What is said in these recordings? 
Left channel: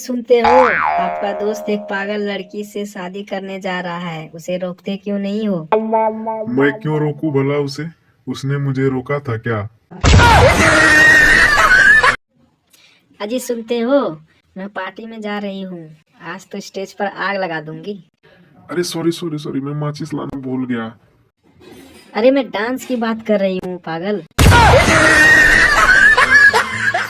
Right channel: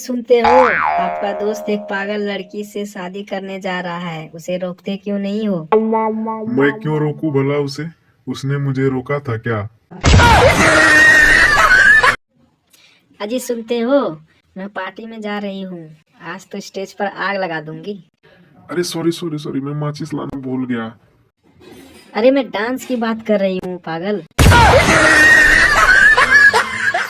सुनते हो, आपका दोस्त एक पागल लड़की से शादी करने जा रहा है, उसे रोकते क्यों नहीं हो? मैं क्यों रोकूं भला उसे? उसने मुझे रोका था क्या? अजी सुनते हो, मैं पार्टी में जा रही हूँ, आज तो स्टेज पर आग लगा दूंगी। अरे सॉरी, मैं माचिस लाना भूल गया। अरे मैं डांस की बात कर रही हूँ पागल।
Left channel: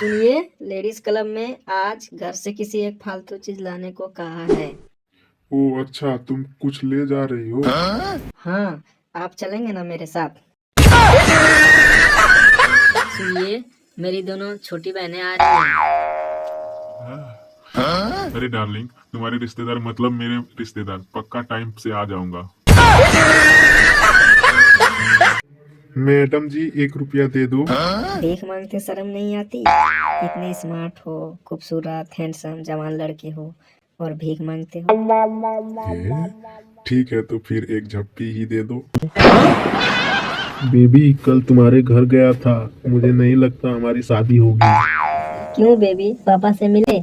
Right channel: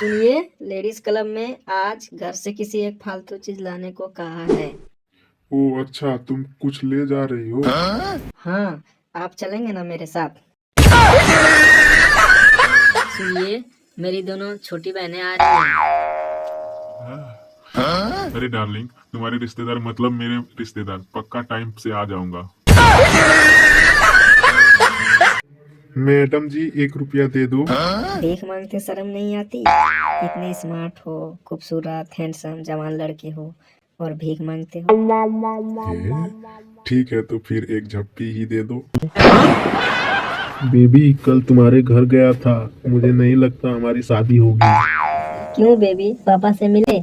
सुनिए, लेडीज क्लब में आज घर से किसी एक फालतू चीज लाने को कहा है। ओ अच्छा, तुम कुछ ले जा रही हो? हाँ, आप चलेंगे ना मेरे साथ? सुनिए, मेरी दोनों छोटी बहनें आ रही हैं। अरे डार्लिंग, तुम्हारे रिश्तेदार मतलब मेरे रिश्तेदार, पक्का टाइम से आ जाऊंगा। मैडम जी 1 रुपया दे दो। भीख मांगते शर्म नहीं आती? इतने स्मार्ट हो, खूबसूरत, हैंडसम, जवान लड़के हो और भीख मांगते हो। ठीक है तो फिर एक झप्पी ही दे दो। बेबी, कल तुम्हारे घर गया था, मुझे नहीं लगता हमारी शादी होगी। क्यों बेबी, पापा से मिले?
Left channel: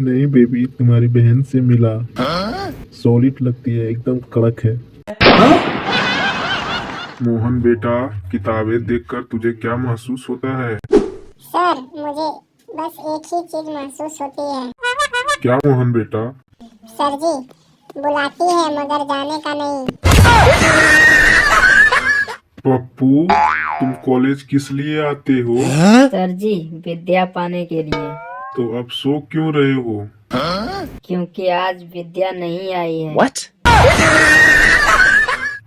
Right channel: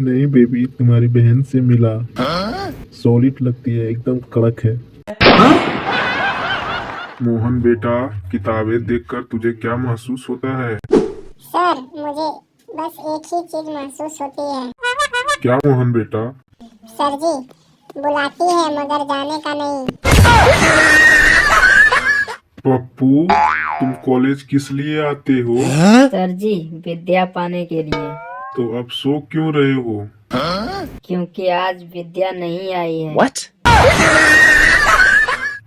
नहीं बेबी, तुम्हारी बहन से मिला। सॉलिड लगती है, एकदम कड़क है। मोहन बेटा, किताबें देखकर तुझे क्या महसूस होता है? सर, मुझे बस एक ही चीज महसूस होती है। क्या मोहन बेटा? सर जी, बुलाती है मगर जाने का नहीं। पप्पू, तुम कॉलेज किस लिए आते हो? सर जी, विद्या पाने के लिए। तो अब सो क्यों रहे हो? क्योंकि आज विद्या नहीं आई है।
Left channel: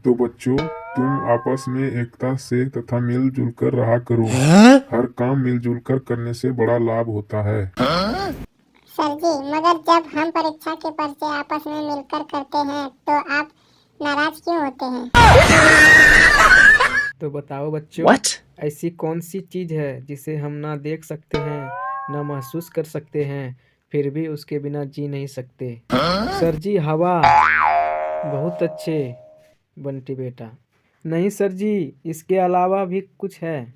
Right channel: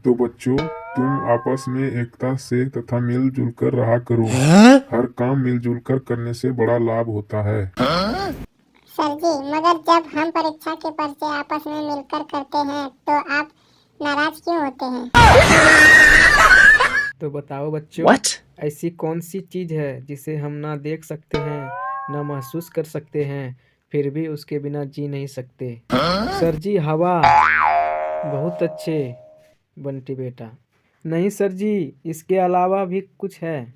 तो बच्चों, तुम आपस में एकता से तथा मिलजुल कर रहा करो। हर काम मिलजुल कर करने से बड़ा लाभ होता है। सर जी, मगर जब हम परीक्षा के पर्चे आपस में मिलकर करते हैं तो आप नाराज क्यों होते हैं? तो बताओ बच्चों, ऐसी कौन सी चीज है जिसे हम ना देख सकते हैं, ना महसूस कर सकते हैं, फिर भी उसके बिना जी नहीं सकते? सर जी, हवा। बहुत अच्छे बंटी बेटा। नहीं सर जी, इसके अलावा भी कुछ है।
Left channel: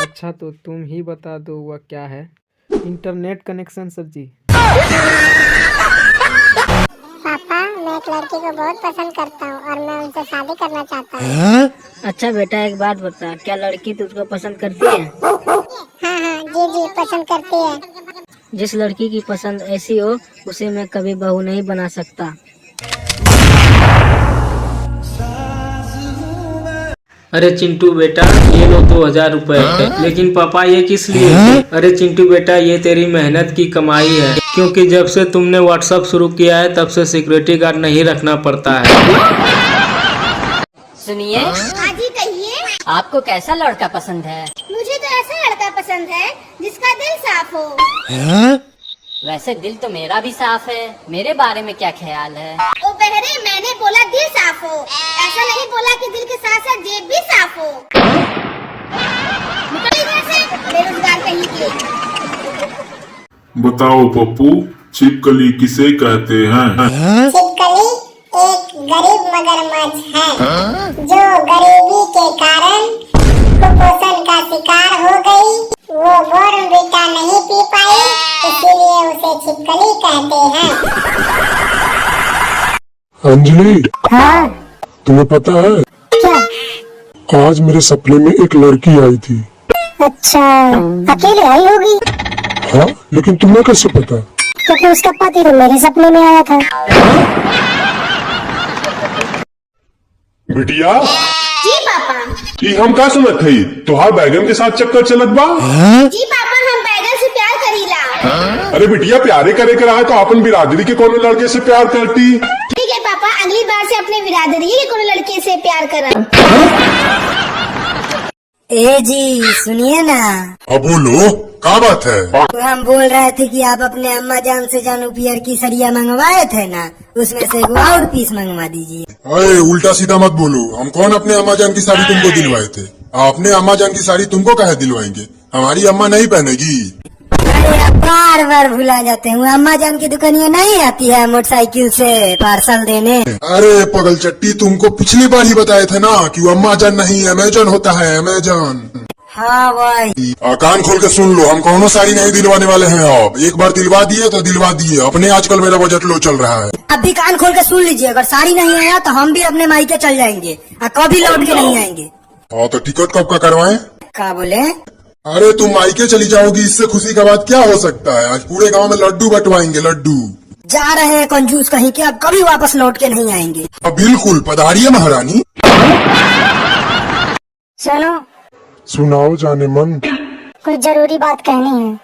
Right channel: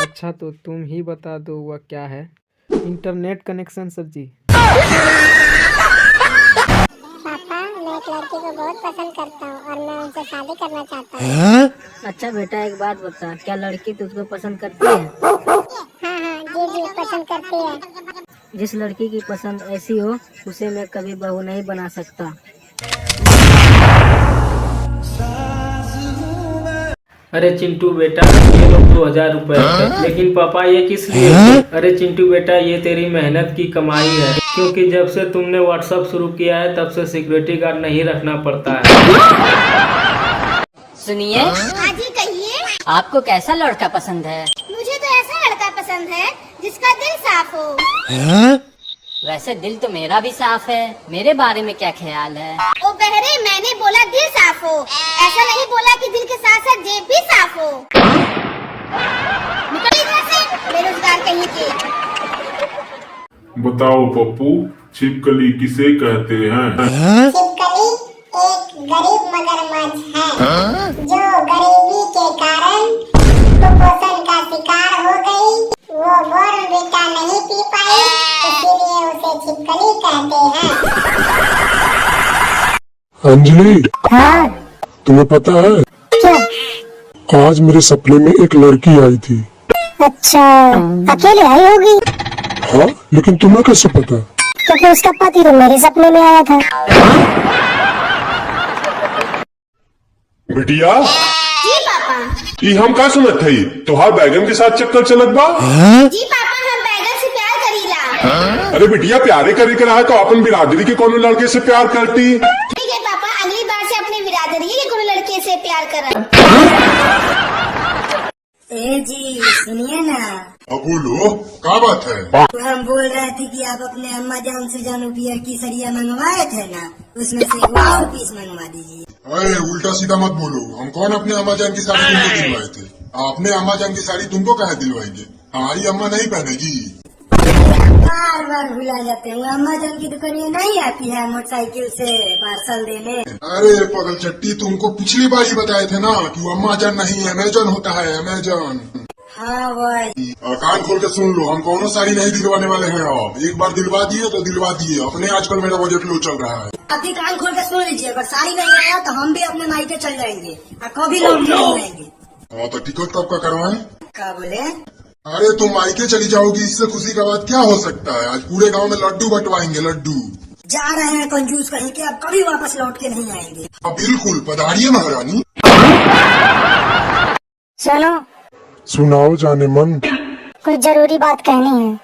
अच्छा तो तुम ही बता दो वह क्या है। इंटरनेट कनेक्शन सर जी। पापा, मैं एक लड़की को बहुत पसंद करता हूँ और मैं उनसे शादी करना चाहता हूँ। अच्छा बेटा, एक बात बता, क्या लड़की तुझको पसंद करती है? हाँ, जी पसंद करती है। जिस लड़की की पसंद ऐसी हो, उसे मैं कभी बहू नहीं बना सकता। अरे चिंटू बेटा, ये लो 2000 रुपए। लेकिन पापा ये किस लिए? अरे चिंटू बेटा, ये तेरी मेहनत की कमाई है, क्योंकि जब से तुमने व्हाट्सएप शुरू किया है तब से सिक्योरिटी गार्ड नहीं रखना पड़ता है। सुनिए, हाँ जी कहिए। आपको कैसा लड़का पसंद है? मुझे तो ऐसा लड़का पसंद है जिसका दिल साफ हो। वैसे दिल तो मेरा भी साफ है, मेरे बारे में क्या ख्याल है? ओ बहरे, मैंने बोला दिल साफ हो, ऐसा नहीं बोला कि दिल के साथ साथ जेब भी साफ हो। निकल इधर से, बेरोजगार कहीं की। बताओ पप्पू, छिपकली किसे कहते हैं? छिपकली एक गरीब मगरमच्छ है जो गरीबी के कारण कुपोषण का शिकार हो गई। वो बॉर्नविटा नहीं पी पाई, इसीलिए उसे छिपकली कहते हैं। अंजलि, हाँ, तुम्हें पता है क्या? आज मेरे सपने में एक लड़की आई थी। अच्छा, अकेले आई होगी? हाँ, लेकिन तुम्हें कैसे पता? क्योंकि उसका पति तो मेरे सपने में आया था। बिटिया, जी पापा। ये हम का सुनत है? तुहार बैगन के साथ चक्कर चलत बा? जी पापा, हम बैगन से प्यार करीला। अरे बिटिया, प्यारे करे के रहा है तो अपन बिरादरी के कोनो लड़के से प्यार करती। ठीक है पापा, अगली बार से अपने बिरादरी के कोनो लड़के से प्यार करा। ए जी सुनिए ना, अब बोलो, क्या बात है? हम बोल रहे थे कि आप अपने अम्मा जान से जानू बियर की सरिया मंगवाए थे ना, उसमें से एक और पीस मंगवा दीजिए। अरे उल्टा सीधा मत बोलो, हम कौन अपने अम्मा जान की साड़ी तुमको दिलवाए थे? आपने अम्मा जान की साड़ी तुमको काहे दिलवाएंगे? हमारी अम्मा नहीं पहनेगी। बार बार भुला जाते हैं, अम्मा जान की दुकानिया नहीं आती है मोटरसाइकिल से पार्सल देने? अरे पगल चट्टी, तुमको पिछली बार ही बताया था ना कि वो अम्मा जान नहीं अमेजन होता है, अमेजन। हाँ भाई। कान खोल के सुन लो, हम कौनो साड़ी नहीं दिलवाने वाले हैं। अब एक बार दिलवा दिए तो दिलवा दिए। अपने आजकल मेरा बजट लो चल रहा है। अब भी कान खोल के सुन लीजिए, अगर साड़ी नहीं आया तो हम भी अपने मायके चल जाएंगे और कभी लौट के नहीं आएंगे। हाँ तो टिकट कब का करवाएं? क्या बोले? अरे तुम मायके चली जाओगी, इससे खुशी का बात क्या हो सकता है। आज पूरे गांव में लड्डू बंटवाएंगे, लड्डू। जा रहे हैं कंजूस कहीं के, अब कभी वापस लौट के नहीं आएंगे। बिल्कुल, पधारिए महारानी। सुनो, सुनाओ जाने मन। कुछ जरूरी बात कहनी है।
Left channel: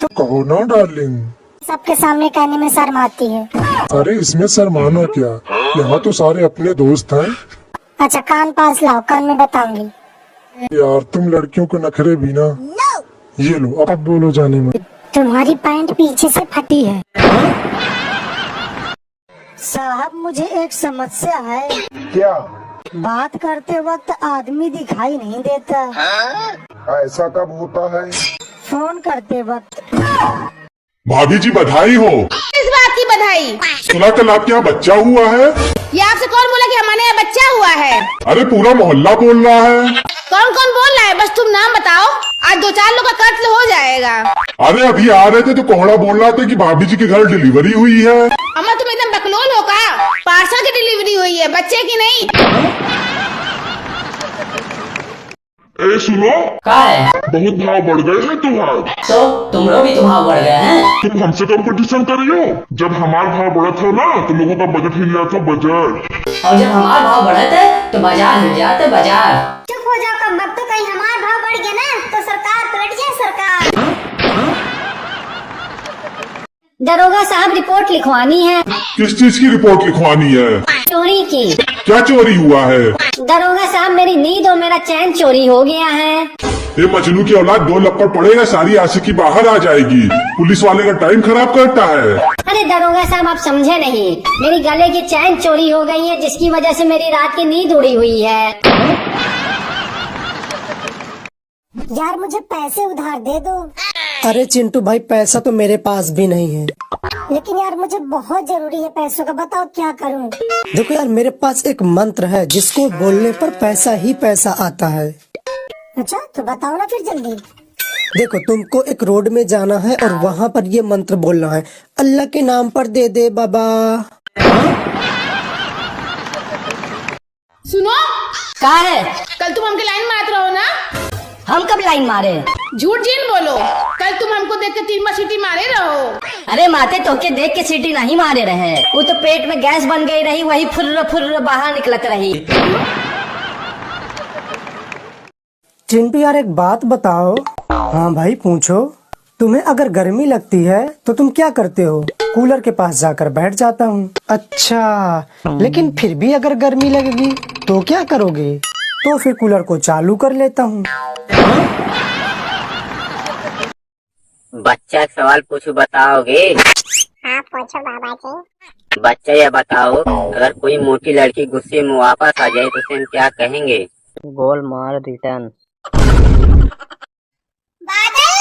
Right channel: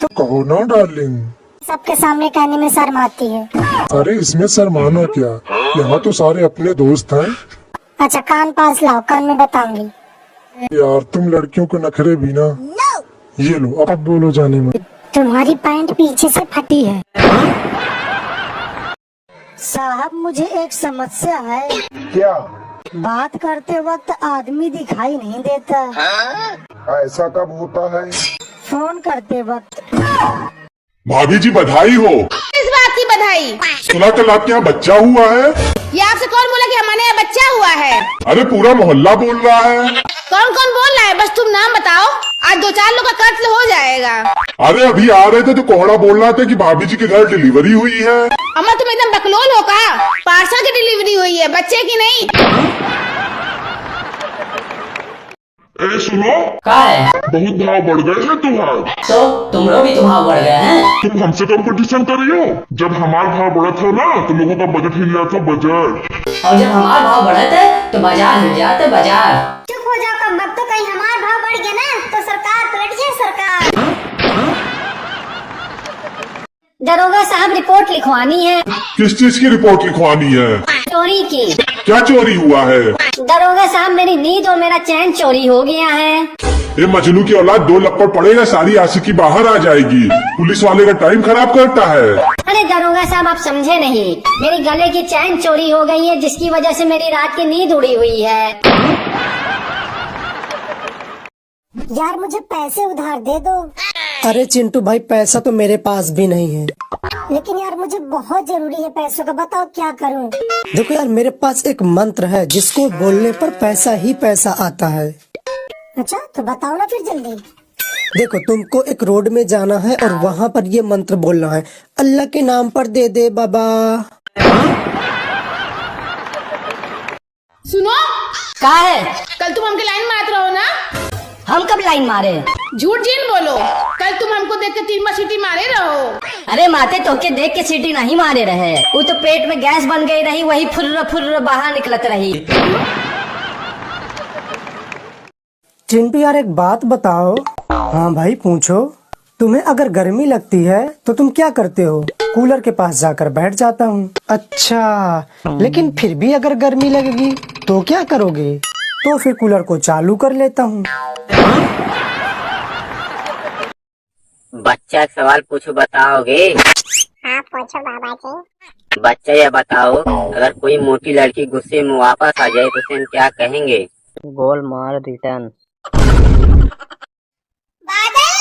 तो कहो ना डार्लिंग। सबके सामने कहने में शर्म आती है। अरे इसमें शर्माना क्या, यहाँ तो सारे अपने दोस्त हैं। अच्छा कान पास लाओ, कल मैं बताऊंगी। यार तुम लड़कियों को नखरे भी ना। ये लो, अब बोलो जाने मन। तुम्हारी पैंट पीछे से फटी है। साहब मुझे एक समस्या है। क्या? बात करते वक्त आदमी दिखाई नहीं देता। ऐसा कब होता है? फोन करते वक्त। भाभी जी बधाई हो। किस बात की बधाई? सुना कल आपके यहाँ बच्चा हुआ है। ये आपसे कौन बोला कि हमारे यहाँ बच्चा हुआ है? अरे पूरा मोहल्ला बोल रहा है। कौन कौन बोल रहा है? बस तुम नाम बताओ, आज 2-4 लोग का कत्ल हो जाएगा। अरे अभी आ रहे थे तो कोहड़ा बोल रहा था कि भाभी जी के घर डिलीवरी हुई है। अम्मा तुम एकदम बकलोल हो का? पार्सल की डिलीवरी हुई है, बच्चे की नहीं। अरे सुनो, क्या है? तो तुम लोग भी तो भाव बढ़ गए हैं। तुम हमसे कंपटीशन करियो। जब हमारा भाव बढ़ा था ना, तुम लोगों का बजट हिल रहा था, बजट। और जब हमारे भाव बढ़े थे तो बाजार हिल जाते, बाजार। चुप हो जाओ कम वक्त, तो कहीं हमारा भाव बढ़ गया ना तो सरकार पलट जाए, सरकार। दरोगा साहब रिपोर्ट लिखवानी है। किस चीज की रिपोर्ट लिखवानी है? चोरी की। क्या चोरी हुआ है? दरोगा साहब मेरी नींद और मेरा चैन चोरी हो गया है। ये मजनू की औलाद 2 लपड़ पड़ेगा, सारी आशिकी बाहर आ जाएगी। पुलिस वाले का टाइम खराब करता है। अरे दरोगा साहब आप समझे नहीं, मेरी गले की चैन चोरी हो गई है, जिसकी वजह से मेरी रात की नींद उड़ी हुई है। यार मुझे पैसे उधार दे दो। अरे चिंटू भाई, पैसा तो मेरे पास भी नहीं है। लेकिन यार मुझे बहुत जरूरी है पैसों का, बताओ क्या करूं? देखो यार, मेरे पास एक मंत्र है जिसको बोलने पर पैसा ही पैसा आता है। अच्छा तो बताओ ना फिर जल्दी। देखो, तुमको एक रोड में जाना है और वहाँ पर ये मंत्र बोलना है, अल्लाह के नाम पर दे दे बाबा। सुनो, क्या है? कल तुम हमके लाइन मारते रहो ना। हम कब लाइन मारे? झूठ जीन बोलो, कल तुम हमको देख के 3 बार सीटी मारे रहो। अरे माते तो के देख के सीटी नहीं मारे रहे, वो तो पेट में गैस बन गई रही, वही फुर्र फुर्र बाहर निकलत रही। चिंटू यार एक बात बताओ। हाँ भाई पूछो। तुम्हें अगर गर्मी लगती है तो तुम क्या करते हो? कूलर के पास जाकर बैठ जाता हूँ। अच्छा, लेकिन फिर भी अगर गर्मी लगेगी तो क्या करोगे? तो फिर कूलर को चालू कर लेता हूँ। बच्चा एक सवाल पूछो, बताओगे? हाँ पूछो बाबा जी। बच्चा ये बताओ, अगर कोई मोटी लड़की गुस्से में वापस आ जाए तो उसे हम क्या कहेंगे? गोल मार रिटर्न। बादल,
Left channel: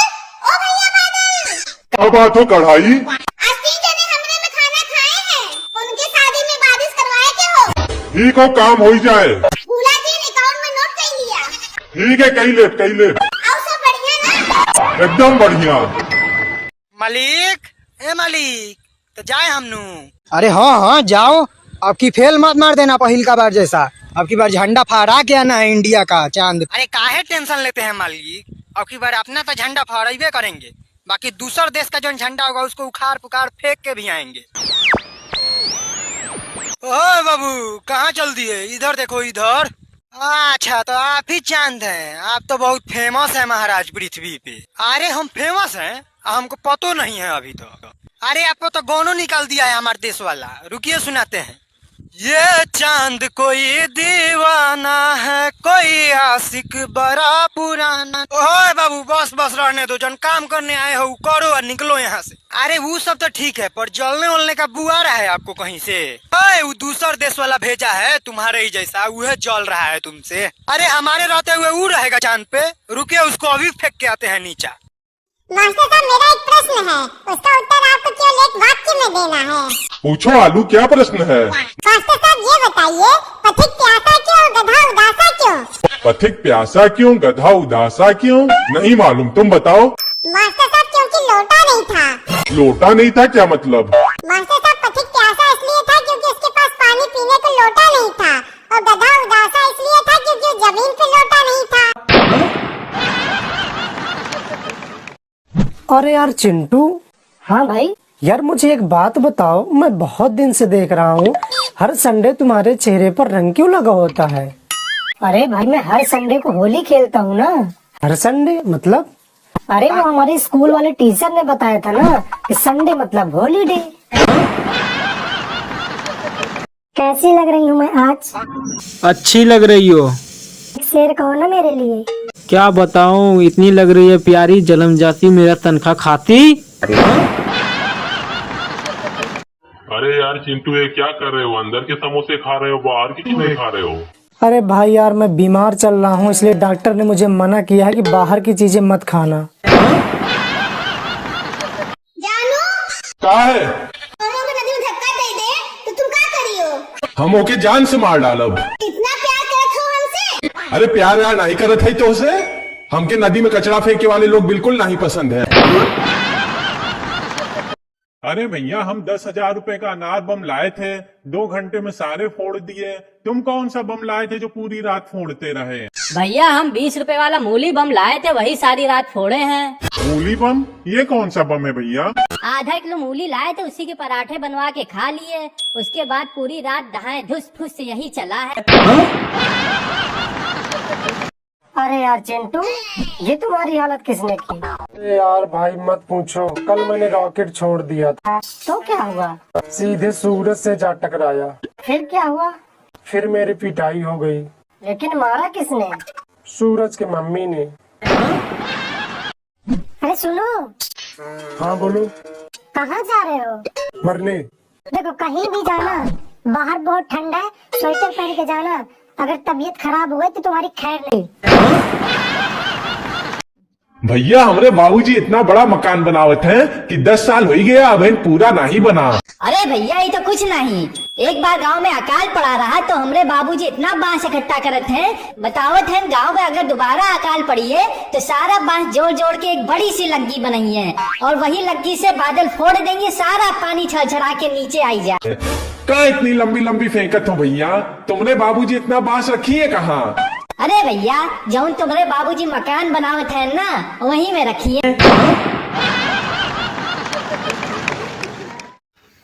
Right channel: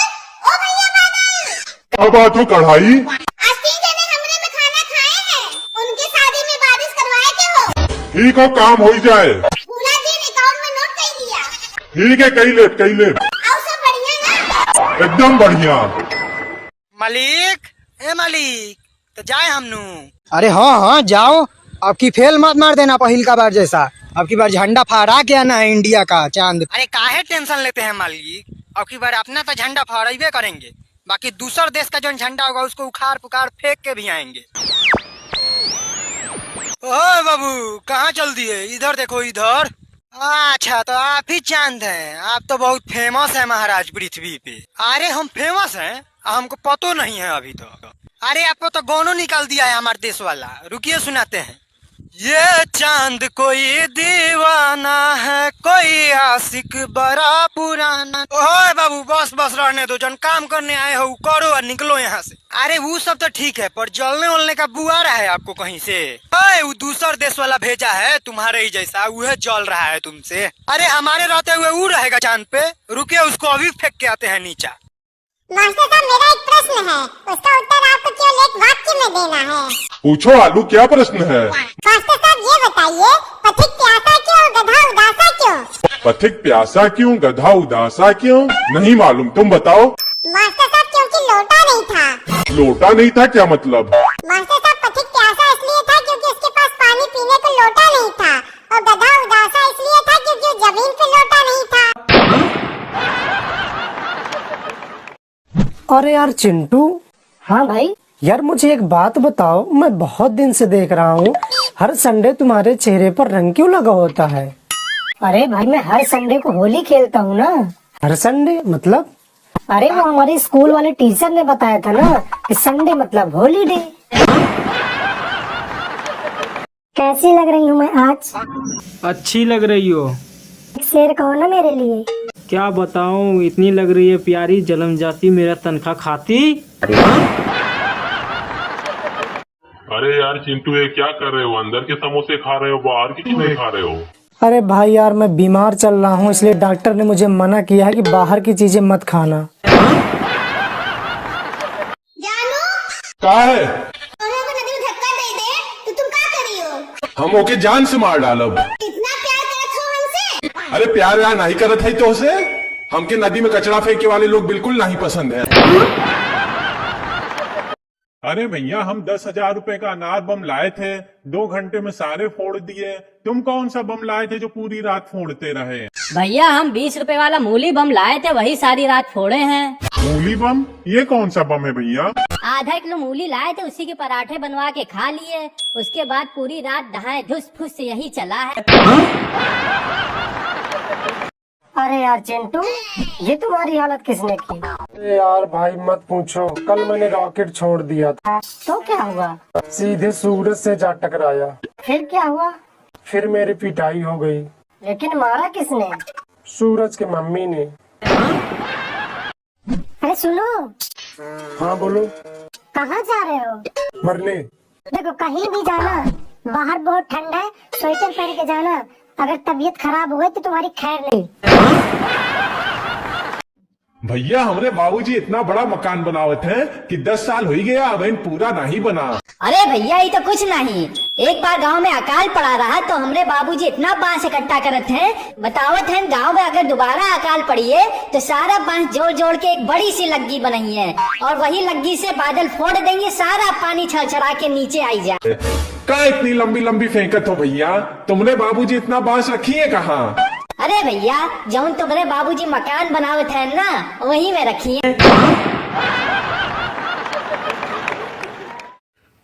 ओ भैया बादल। क्या बात हो कढ़ाई? आज 3 जने हमरे में खाना खाए हैं, उनके शादी में बारिश करवाए के हो। ठीक है, काम हो जाए। भूला जी अकाउंट में नोट कर लिया। ठीक है, कहीं लेट कहीं लेट। आओ सब बढ़िया ना? एकदम बढ़िया। मालिक, ए मालिक, तो जाए हमनू। अरे हाँ हाँ जाओ, आपकी फेल मत मार देना पहिल का बार जैसा। अब की बार झंडा फहरा के आना है इंडिया का चांद। अरे काहे टेंशन लेते हैं मालिक, अब की बार अपना तो झंडा फहराइबे करेंगे, बाकी दूसर देश का जो झंडा होगा उसको उखाड़ पुखाड़ फेंक के भी आएंगे। ओए बाबू, कहाँ चल दिए? इधर देखो इधर। अच्छा तो आप ही चांद हैं, आप तो बहुत फेमस है महाराज पृथ्वी पे। अरे हम फेमस हैं, हमको पतो नहीं है अभी तो। अरे आपको तो गोनो निकाल दिया है हमारे देश वाला। रुकिए सुनाते हैं। ये चांद कोई दीवाना है, कोई आशिक बड़ा पुराना। ओए बाबू बस बस रहने दो, जन काम करने आए हो करो और निकलो यहाँ से। अरे वो सब तो ठीक है, पर जलने वलने का बुआ रहा है आपको कहीं से? ओए वो दूसर देश वाला भेजा है तुम्हारे ही जैसा, वह जल रहा है तुमसे। अरे हमारे रहते हुए वो रहेगा चांद पे? रुकिए उसको अभी फेंक के आते हैं नीचा। मास्टर साहब मेरा एक प्रश्न है, उसका उत्तर आपको केवल एक वाक्य में देना है। पूछो आलू, क्या प्रश्न है? मास्टर साहब ये बताइए, पथिक प्यासा क्यों, गधा उदासा क्यों? पथिक प्यासा क्यों, गधा उदासा क्यों? नहीं मालूम, तुम बताओ। मास्टर साहब क्योंकि लोटा नहीं था। लोटा नहीं था क्या मतलब? मास्टर साहब पथिक प्यासा इसलिए था क्योंकि उसके पास पानी पीने को लोटा नहीं था, और गधा उदासा इसलिए था क्योंकि जमीन पे लोटा नहीं था। अरे यार चिंटू। हाँ भाई। यार मुझे एक बात बताओ, मैं बहुत दिन से देख रहा हूँ हर संडे तुम्हारे चेहरे पर रंग क्यों लगा होता है? अरे भाई मैं हर संडे को होली खेलता हूँ ना। हर संडे मतलब? अरे वो हमारे स्कूल वाले टीचर ने बताया था ना कि संडे मतलब हॉलीडे। कैसी लग रही हूँ मैं आज? अच्छी लग रही हो। एक शेर कहो ना मेरे लिए। क्या बताऊं, इतनी लग रही है प्यारी, जन्म जाती मेरा तनख्वाह खाती। अरे यार चिंटू, ये क्या कर रहे हो? अंदर के समोसे खा रहे हो, बाहर के क्यों नहीं खा रहे हो? अरे भाई यार मैं बीमार चल रहा हूँ, इसलिए डॉक्टर ने मुझे मना किया है कि बाहर की चीजें मत खाना। जानू क्या है? दोनों को नदी में धक्का दे दे तो तुम क्या करियो? हम ओके जान से मार डालब। इतना प्यार करत हो हमसे? अरे प्यार व्यार नहीं करत है तो उसे हमके नदी में कचरा फेंके वाले लोग बिल्कुल नहीं पसंद है। अरे भैया, हम 10,000 रुपए का अनार बम लाए थे, 2 घंटे में सारे फोड़ दिए। तुम कौन सा बम लाए थे जो पूरी रात फोड़ते रहे? भैया हम 20 रुपए वाला मूली बम लाए थे, वही सारी रात फोड़े हैं। मूली बम? ये कौन सा बम है भैया? आधा किलो मूली लाए थे, उसी के पराठे बनवा के खा लिए। उसके बाद पूरी रात दहाए धुस फुस यही चला है। अरे यार चिंटू, ये तुम्हारी हालत किसने की? अरे यार भाई मत पूछो, कल मैंने रॉकेट छोड़ दिया था। तो क्या हुआ? सीधे सूरज से जा टकराया। फिर क्या हुआ? फिर मेरी पिटाई हो गई। लेकिन मारा किसने? सूरज की मम्मी ने। अरे सुनो। हाँ बोलो। कहाँ जा रहे हो? मरने। देखो कहीं भी जाना, बाहर बहुत ठंडा है, स्वेटर पहन के जाना। अगर तबीयत खराब हो गई तो तुम्हारी खैर नहीं। भैया हमरे बाबूजी इतना बड़ा मकान बनावत हैं कि 10 साल हो ही गया, अब पूरा नहीं बना। अरे भैया ये तो कुछ नहीं, एक बार गांव में अकाल पड़ा रहा तो हमरे बाबूजी इतना बांस इकट्ठा करत हैं, बतावत हैं गांव में अगर दोबारा अकाल पड़ी है तो सारा बांस जोड़ जोड़ के एक बड़ी सी लग्गी बनाई है, और वही लग्गी से बादल फोड़ देंगे, सारा पानी छरछरा के नीचे आई जाए। क्या इतनी लंबी लंबी फेंकत हो भैया? तुमने बाबूजी इतना बांस रखी है कहाँ? अरे भैया जौन तुम्हारे बाबूजी मकान बनावत है ना, वहीं में रखी है।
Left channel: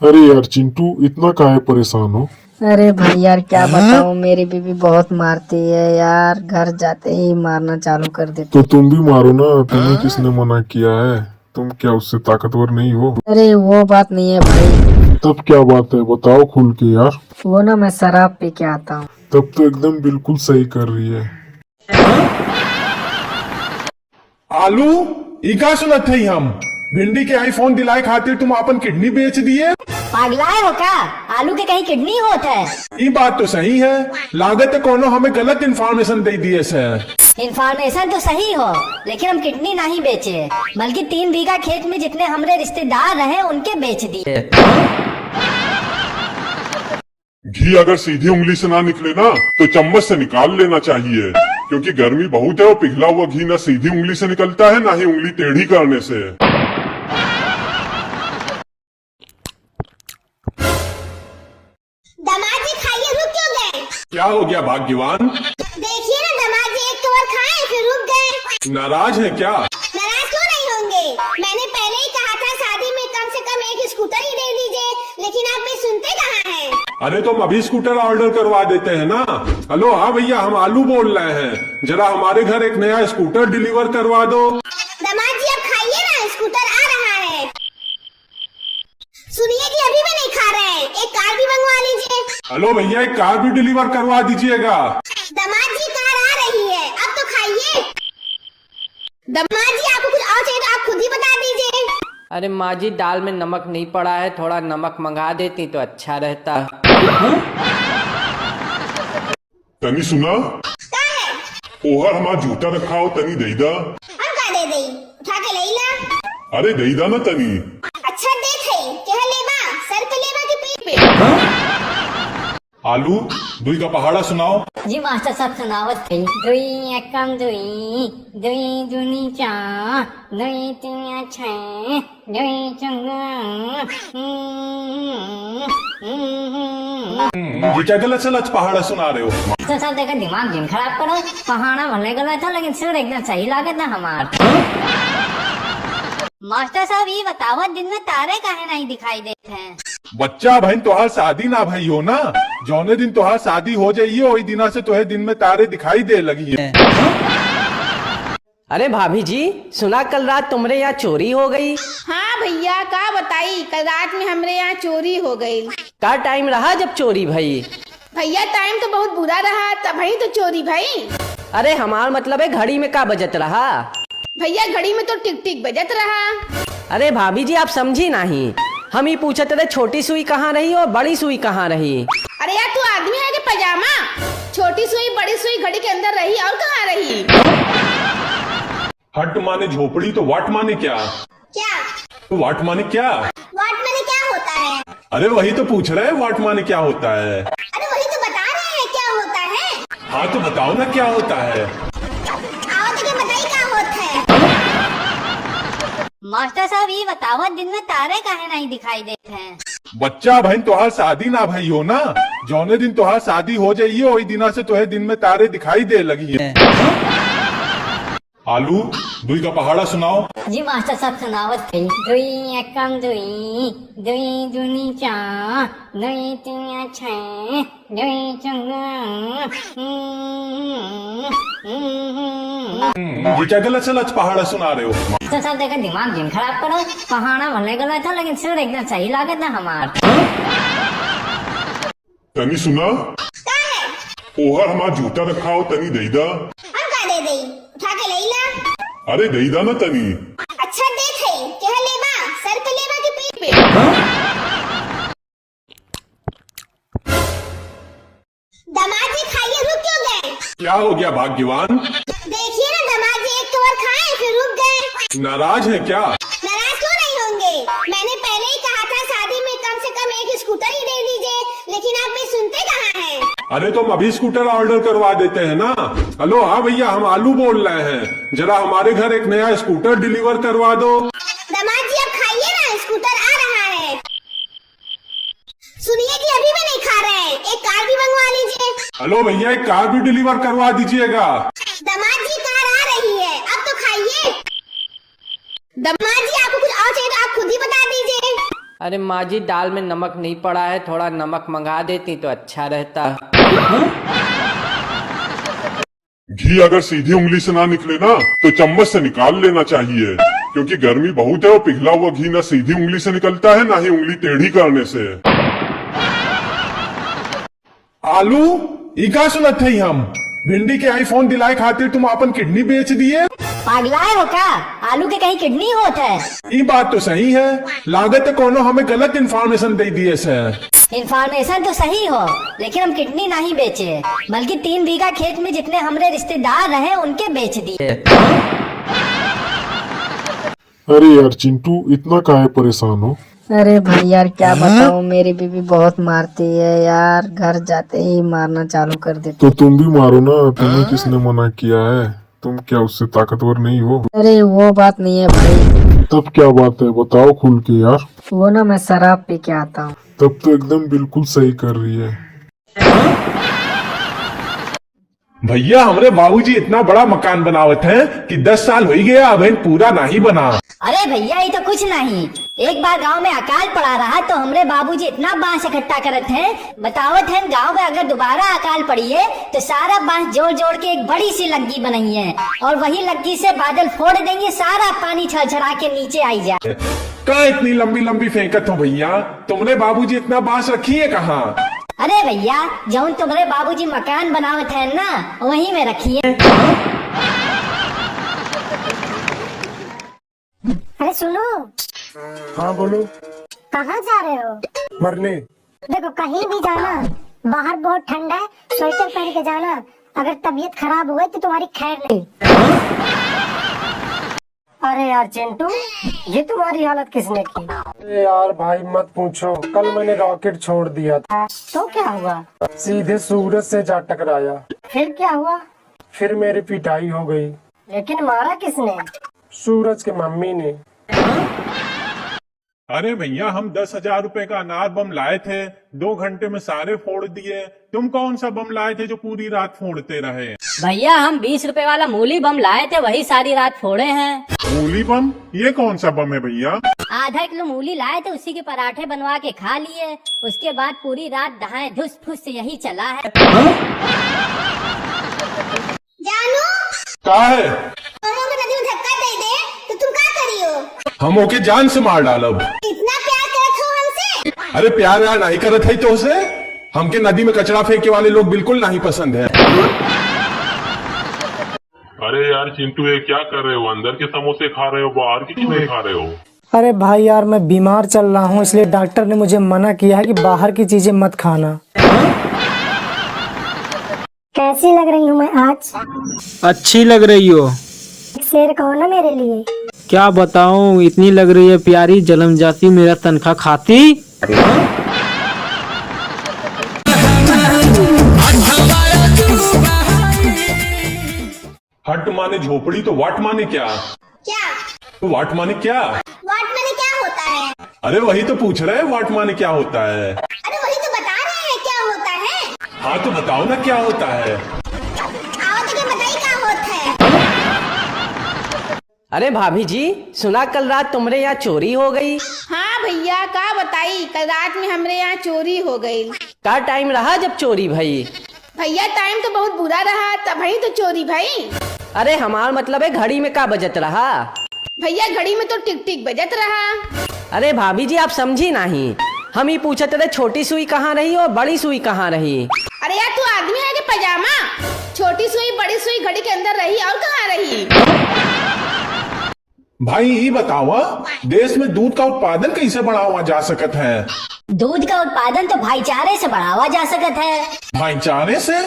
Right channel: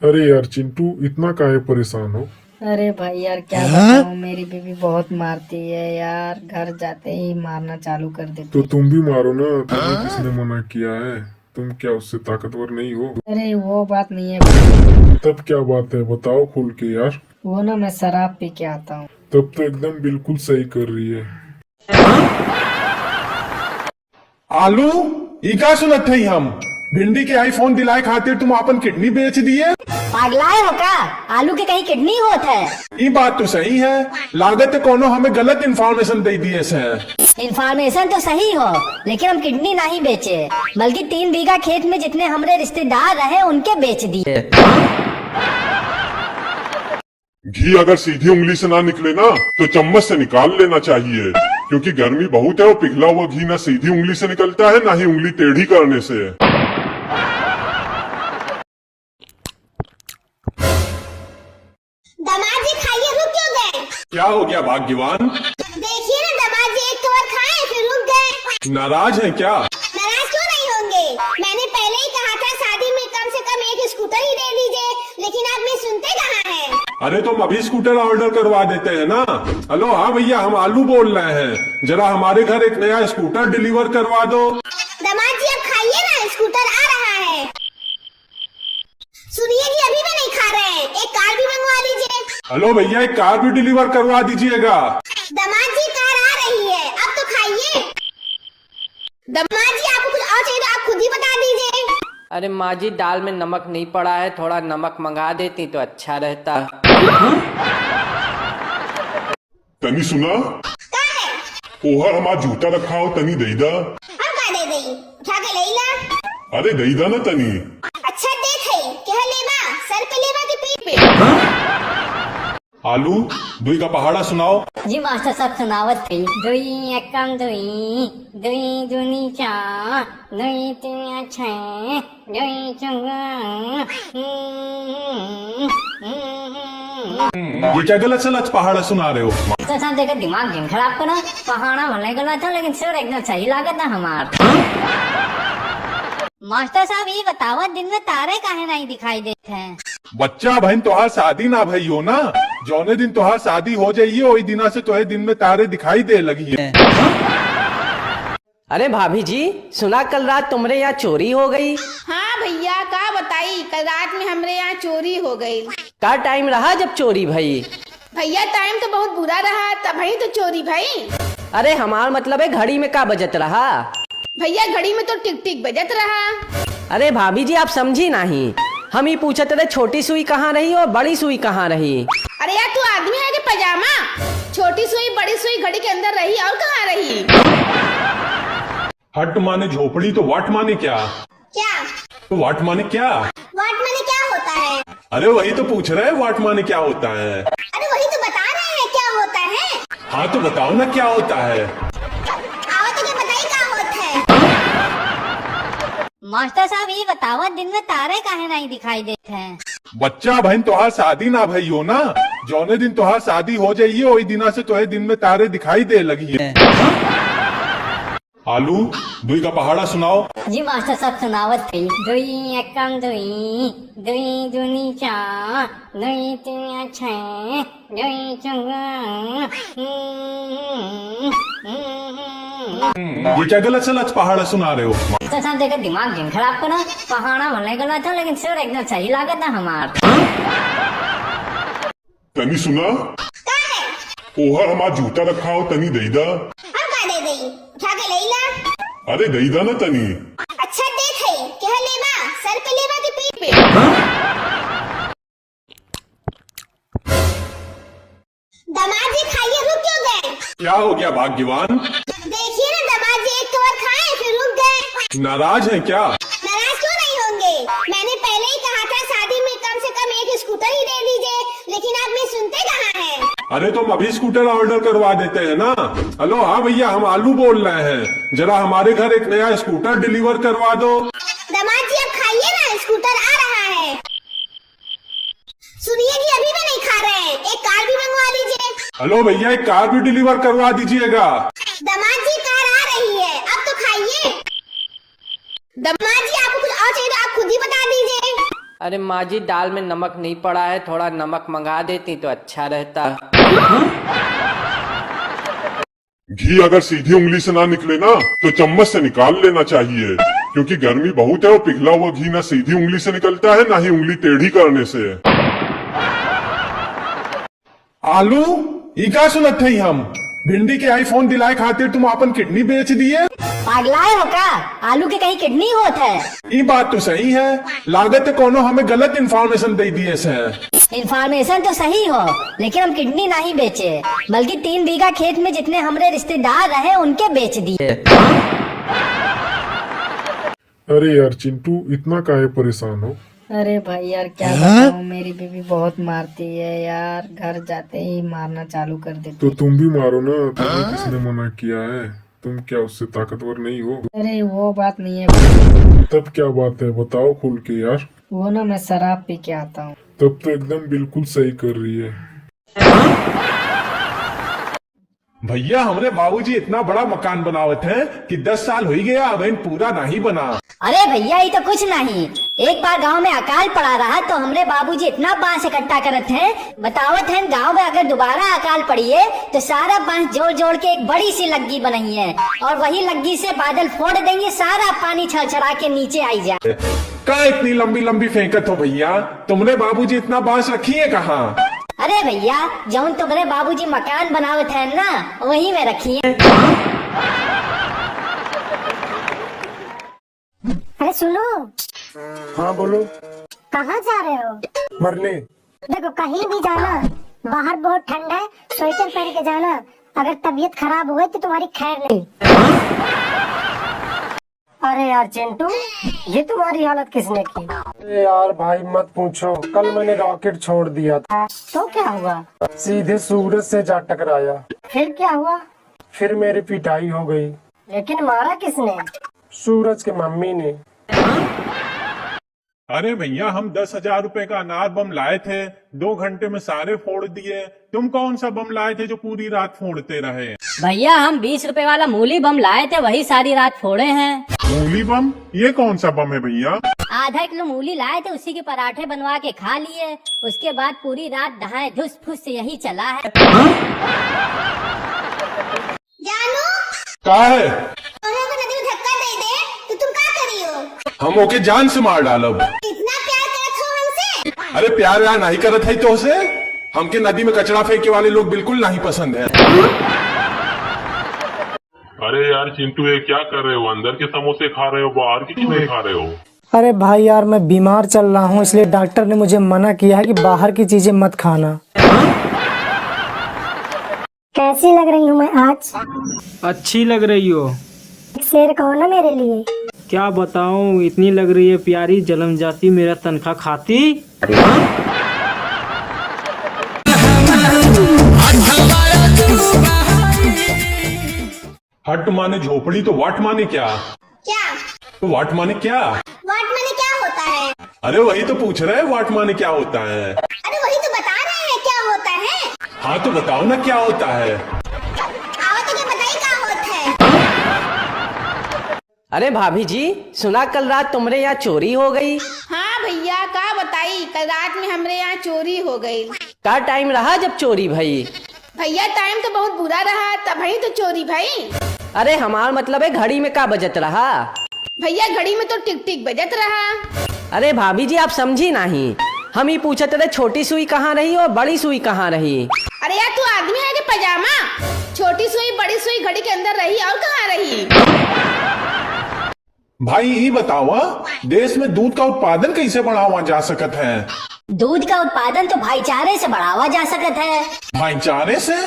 अरे यार चिंटू, इतना काहे परेशान हो? अरे भाई यार क्या बताऊं, मेरी बीवी बहुत मारती है यार, घर जाते ही मारना चालू कर देती। तो तुम भी मारो ना, तुम्हें किसने मना किया है? तुम क्या उससे ताकतवर नहीं हो? अरे वो बात नहीं है भाई। तब क्या बात है, बताओ खुल के यार। वो ना मैं शराब पी के आता हूँ। तब तो एकदम बिल्कुल सही कर रही है। आलू इका सुनत थे हम भिंडी के आईफोन दिलाए खातिर तुम अपन किडनी बेच दिए। पागलाए हो का? आलू की कहीं किडनी होत है? ये बात तो सही है, लागत है कोनो हमें गलत इन्फॉर्मेशन दे दिए से। इन्फॉर्मेशन तो सही हो, लेकिन हम किडनी नहीं बेचे, बल्कि 3 बीघा खेत में जितने हमारे रिश्तेदार रहे उनके बेच दिए। घी अगर सीधी उंगली से ना निकले ना तो चम्मच से निकाल लेना चाहिए, क्योंकि गर्मी बहुत है और पिघला हुआ घी ना सीधी उंगली से निकलता है ना ही उंगली टेढ़ी करने से। दामाद जी खाइए, रुक क्यों गए? क्या हो गया भाग्यवान? देखिए ना दामाद जी, एक तो और खाए फिर रुक गए। नाराज है क्या? नाराज क्यों नहीं होंगे? मैंने पहले ही कहा था शादी में कम से कम एक स्कूटर ही दे दीजिए, लेकिन आप भी सुनते कहाँ हैं? अरे तो हम अभी स्कूटर ऑर्डर करवा देते हैं ना। हेलो हाँ भैया, हम आलू बोल रहे हैं, जरा हमारे घर एक नया स्कूटर डिलीवर करवा दो। दामाद जी अब खाइए ना, स्कूटर आ रहा है। सुनिए जी, अभी भी नहीं खा रहे हैं, एक कार भी मंगवा लीजिए। हेलो भैया, एक कार भी डिलीवर करवा दीजिएगा। दामाद जी कार आ रही है, अब तो खाइए। दामाद जी आपको कुछ और चाहिए तो आप खुद ही बता दीजिए। अरे माँ जी दाल में नमक नहीं पड़ा है, थोड़ा नमक मंगा देती तो अच्छा रहता। तनी सुना, क्या है? पोहा हमारा जूता रखा हो, तनी दे दा। हम का दे दई, उठा के ले ला। अरे दे दा ना तनी। अच्छा दे थे, क्या लेवा? सर पे लेवा कि पीठ पे? आलू दुई का पहाड़ा सुनाओ। जी मास्टर साहब सुनावत थी। दुई एकम दुई, दुई दूनी चार, दुई तीन छः, दुई ये क्या गलत सलत पहाड़ा सुना रहे हो? मास्टर साहब देखा दिमाग दिन खराब करा। पहाड़ा भले गलत था लेकिन सुर एकदम सही लगा था हमार। मास्टर साहब ये बताओ दिन में तारे काहे नहीं दिखाई देते हैं? बच्चा बहन तुहार शादी ना भई हो ना, जौने दिन तुहार शादी हो जाइए वही दिना से तुहे दिन में तारे दिखाई दे लगी है। अरे भाभी जी सुना कल रात तुम्हारे यहाँ चोरी हो गई। हाँ भैया का बताई, कल रात में हमरे यहाँ चोरी हो गई। का टाइम रहा जब चोरी भई? भैया टाइम तो बहुत बुरा रहा, तभी तो चोरी भई। अरे हमार मतलब है घड़ी में का बजत रहा? भैया घड़ी में तो टिक टिक बजत रहा। अरे भाभी जी आप समझी नहीं, हम ही पूछते रहे छोटी सुई कहाँ रही और बड़ी सुई कहाँ रही। अरे यार तू आदमी है कि पजामा? छोटी सुई बड़ी सुई घड़ी के अंदर रही और कहाँ रही? हट माने झोपड़ी तो वाट माने क्या? क्या? तो वाट माने क्या? वाट माने क्या होता है? अरे वही तो पूछ रहे हैं वाट माने क्या होता है। अरे वही तो बता रहे हैं क्या होता है। हाँ तो बताओ ना क्या होता है। आओ तो क्या बताइए क्या होता है। मास्टर साहब ये बताओ दिन में तारे काहे नहीं दिखाई देते हैं? बच्चा बहन तुहार शादी ना भई हो ना, जौने दिन तुहार शादी हो जाइए वही दिना से तुहे दिन में तारे दिखाई दे लगी है। आलू दुई का पहाड़ा सुनाओ। जी मास्टर साहब सुनावत थी। दुई एकम दुई, दुई दूनी चार, दुई तीन छः, दुई ये क्या गलत सलत पहाड़ा सुना रहे हो? मास्टर साहब देखा दिमाग दिन खराब करा। पहाड़ा भले गलत था लेकिन सुर एकदम सही लगा था हमार। तनी सुना ओहर हमार जूता रखा हो तनी दई दा। हम का दे दई, उठा के ले ला। अरे दई दा ना तनी। अच्छा दे थे, क्या लेवा? सर पे लेवा कि पीठ पे? दामाद जी खाइए, रुक क्यों गए? क्या हो गया भाग्यवान? देखिए ना दामाद जी एक तो और खाए फिर रुक गए। नाराज है क्या? नाराज क्यों नहीं होंगे? मैंने पहले ही कहा था शादी में कम से कम एक स्कूटर ही दे दीजिए, लेकिन आप भी सुनते कहाँ हैं? अरे तो हम अभी स्कूटर ऑर्डर करवा देते हैं ना। हेलो हाँ भैया हम आलू बोल रहे हैं, जरा हमारे घर एक नया स्कूटर डिलीवर करवा दो। दामाद जी अब खाइए ना, स्कूटर आ रहा है। सुनिए जी अभी भी नहीं खा रहे हैं, एक कार भी मंगवा लीजिए। हेलो भैया एक कार भी डिलीवर करवा दीजिएगा। दामाद जी कार आ रही है, अब तो खाइए। दामाद जी आपको कुछ और चाहिए तो आप खुद ही बता दीजिए। अरे माँ जी दाल में नमक नहीं पड़ा है, थोड़ा नमक मंगा देती तो अच्छा रहता। घी अगर सीधी उंगली से ना निकले ना तो चम्मच से निकाल लेना चाहिए, क्योंकि गर्मी बहुत है और पिघला हुआ घी ना सीधी उंगली से निकलता है ना ही उंगली टेढ़ी करने से। आलू ई का सुनत है हम भिंडी के आईफोन दिलाए खातिर तुम अपन किडनी बेच दिए। पागलाए हो का? आलू की कहीं किडनी होत है? ये बात तो सही है, लागत है कोनो हमें गलत इन्फॉर्मेशन दे दिए से। इन्फॉर्मेशन तो सही हो लेकिन हम किडनी नहीं बेचे, बल्कि 3 बीघा खेत में जितने हमारे रिश्तेदार रहे उनके बेच दिए। अरे यार चिंटू इतना काहे परेशान हो? अरे भाई यार क्या बताऊं, मेरी बीवी बहुत मारती है यार, घर जाते ही मारना चालू कर देती। तो तुम भी मारो ना, तुम्हें किसने मना किया है? तुम क्या उससे ताकतवर नहीं हो? अरे वो बात नहीं है भाई। तब क्या बात है बताओ खुल के यार। वो ना मैं शराब पी के आता हूँ। तब तो एकदम बिल्कुल सही कर रही है। भैया हमारे बाबूजी इतना बड़ा मकान बनावत हैं कि 10 साल हो ही गया अभी पूरा नहीं बना। अरे भैया ये तो कुछ नहीं, एक बार गांव में अकाल पड़ा रहा तो हमरे बाबूजी इतना बांस इकट्ठा करत हैं, बतावत हैं गांव में अगर दोबारा अकाल पड़ी है तो सारा बांस जोड़ जोड़ के एक बड़ी सी लग्गी बनाई है और वही लग्गी से बादल फोड़ देंगे, सारा पानी छरछरा के नीचे आई जाए। क्या इतनी लंबी लंबी फेंकत हो भैया? तुमने बाबूजी इतना बांस रखी है कहाँ? अरे भैया जौन तुम्हारे बाबूजी मकान बनावत है ना वहीं में रखी है। अरे सुनो। हाँ बोलो। कहाँ जा रहे हो? मरने। देखो कहीं भी जाना, बाहर बहुत ठंडा है, स्वेटर पहन के जाना, अगर तबीयत खराब हो गई तो तुम्हारी खैर नहीं। अरे यार चिंटू, ये तुम्हारी हालत किसने की? अरे यार भाई मत पूछो, कल मैंने रॉकेट छोड़ दिया था। तो क्या हुआ? सीधे सूरज से जा टकराया। फिर क्या हुआ? फिर मेरी पिटाई हो गई। लेकिन मारा किसने? सूरज के मम्मी ने। अरे भैया, हम 10,000 रुपए का अनार बम लाए थे, 2 घंटे में सारे फोड़ दिए। तुम कौन सा बम लाए थे जो पूरी रात फोड़ते रहे? भैया हम 20 रुपए वाला मूली बम लाए थे, वही सारी रात फोड़े हैं। मूली बम? ये कौन सा बम है भैया? आधा किलो मूली लाए थे, उसी के पराठे बनवा के खा लिए। उसके बाद पूरी रात दहाए धुस फुस से यही चला है। जानू क्या है? अगर नदी में धक्का दे दे तो तुम क्या करियो? हम ओके जान से मार डालब। इतना प्यार करत हो हमसे? अरे प्यार व्यार नहीं करत है तो उसे हमके नदी में कचरा फेंके वाले लोग बिल्कुल नहीं पसंद है। अरे यार चिंटू, ये क्या कर रहे हो? अंदर के समोसे खा रहे हो, बाहर की क्यों नहीं खा रहे हो? अरे भाई यार, मैं बीमार चल रहा हूँ, इसलिए डॉक्टर ने मुझे मना किया है कि बाहर की चीजें मत खाना। कैसी लग रही हूँ मैं आज? अच्छी लग रही हो। एक शेर कहो ना मेरे लिए। क्या बताऊं, इतनी लग रही है प्यारी, जन्म जाती मेरा तनख्वाह खाती। हट माने झोपड़ी तो वाट माने क्या? क्या? तो वाट माने क्या? वाट माने क्या होता है? अरे वही तो पूछ रहा है, वाट माने क्या होता है? अरे वही तो बता रहे हैं क्या होता है। हाँ तो बताओ ना क्या होता है? आओ तो बताइए क्या होता है। अरे भाभी जी, सुना कल रात तुम्हारे यहाँ चोरी हो गई? हाँ भैया, का बताई, कल रात में हमरे यहाँ चोरी हो गई। का टाइम रहा जब चोरी भई? भैया टाइम तो बहुत बुरा रहा, तभी तो चोरी भई। अरे हमार मतलब है घड़ी में का बजत रहा? भैया घड़ी में तो टिक टिक बजत रहा। अरे भाभी जी, आप समझी नहीं। हम ही पूछते रहे छोटी सुई कहाँ रही और बड़ी सुई कहाँ रही। अरे यार तू आदमी है कि पजामा? छोटी सुई बड़ी सुई घड़ी के अंदर रही और कहाँ रही? भाई ये बताओ, देश में दूध का उत्पादन कैसे बढ़ावा जा सकत है? दूध का उत्पादन तो भाईचारे से बढ़ावा जा सकता है। भाईचारे से?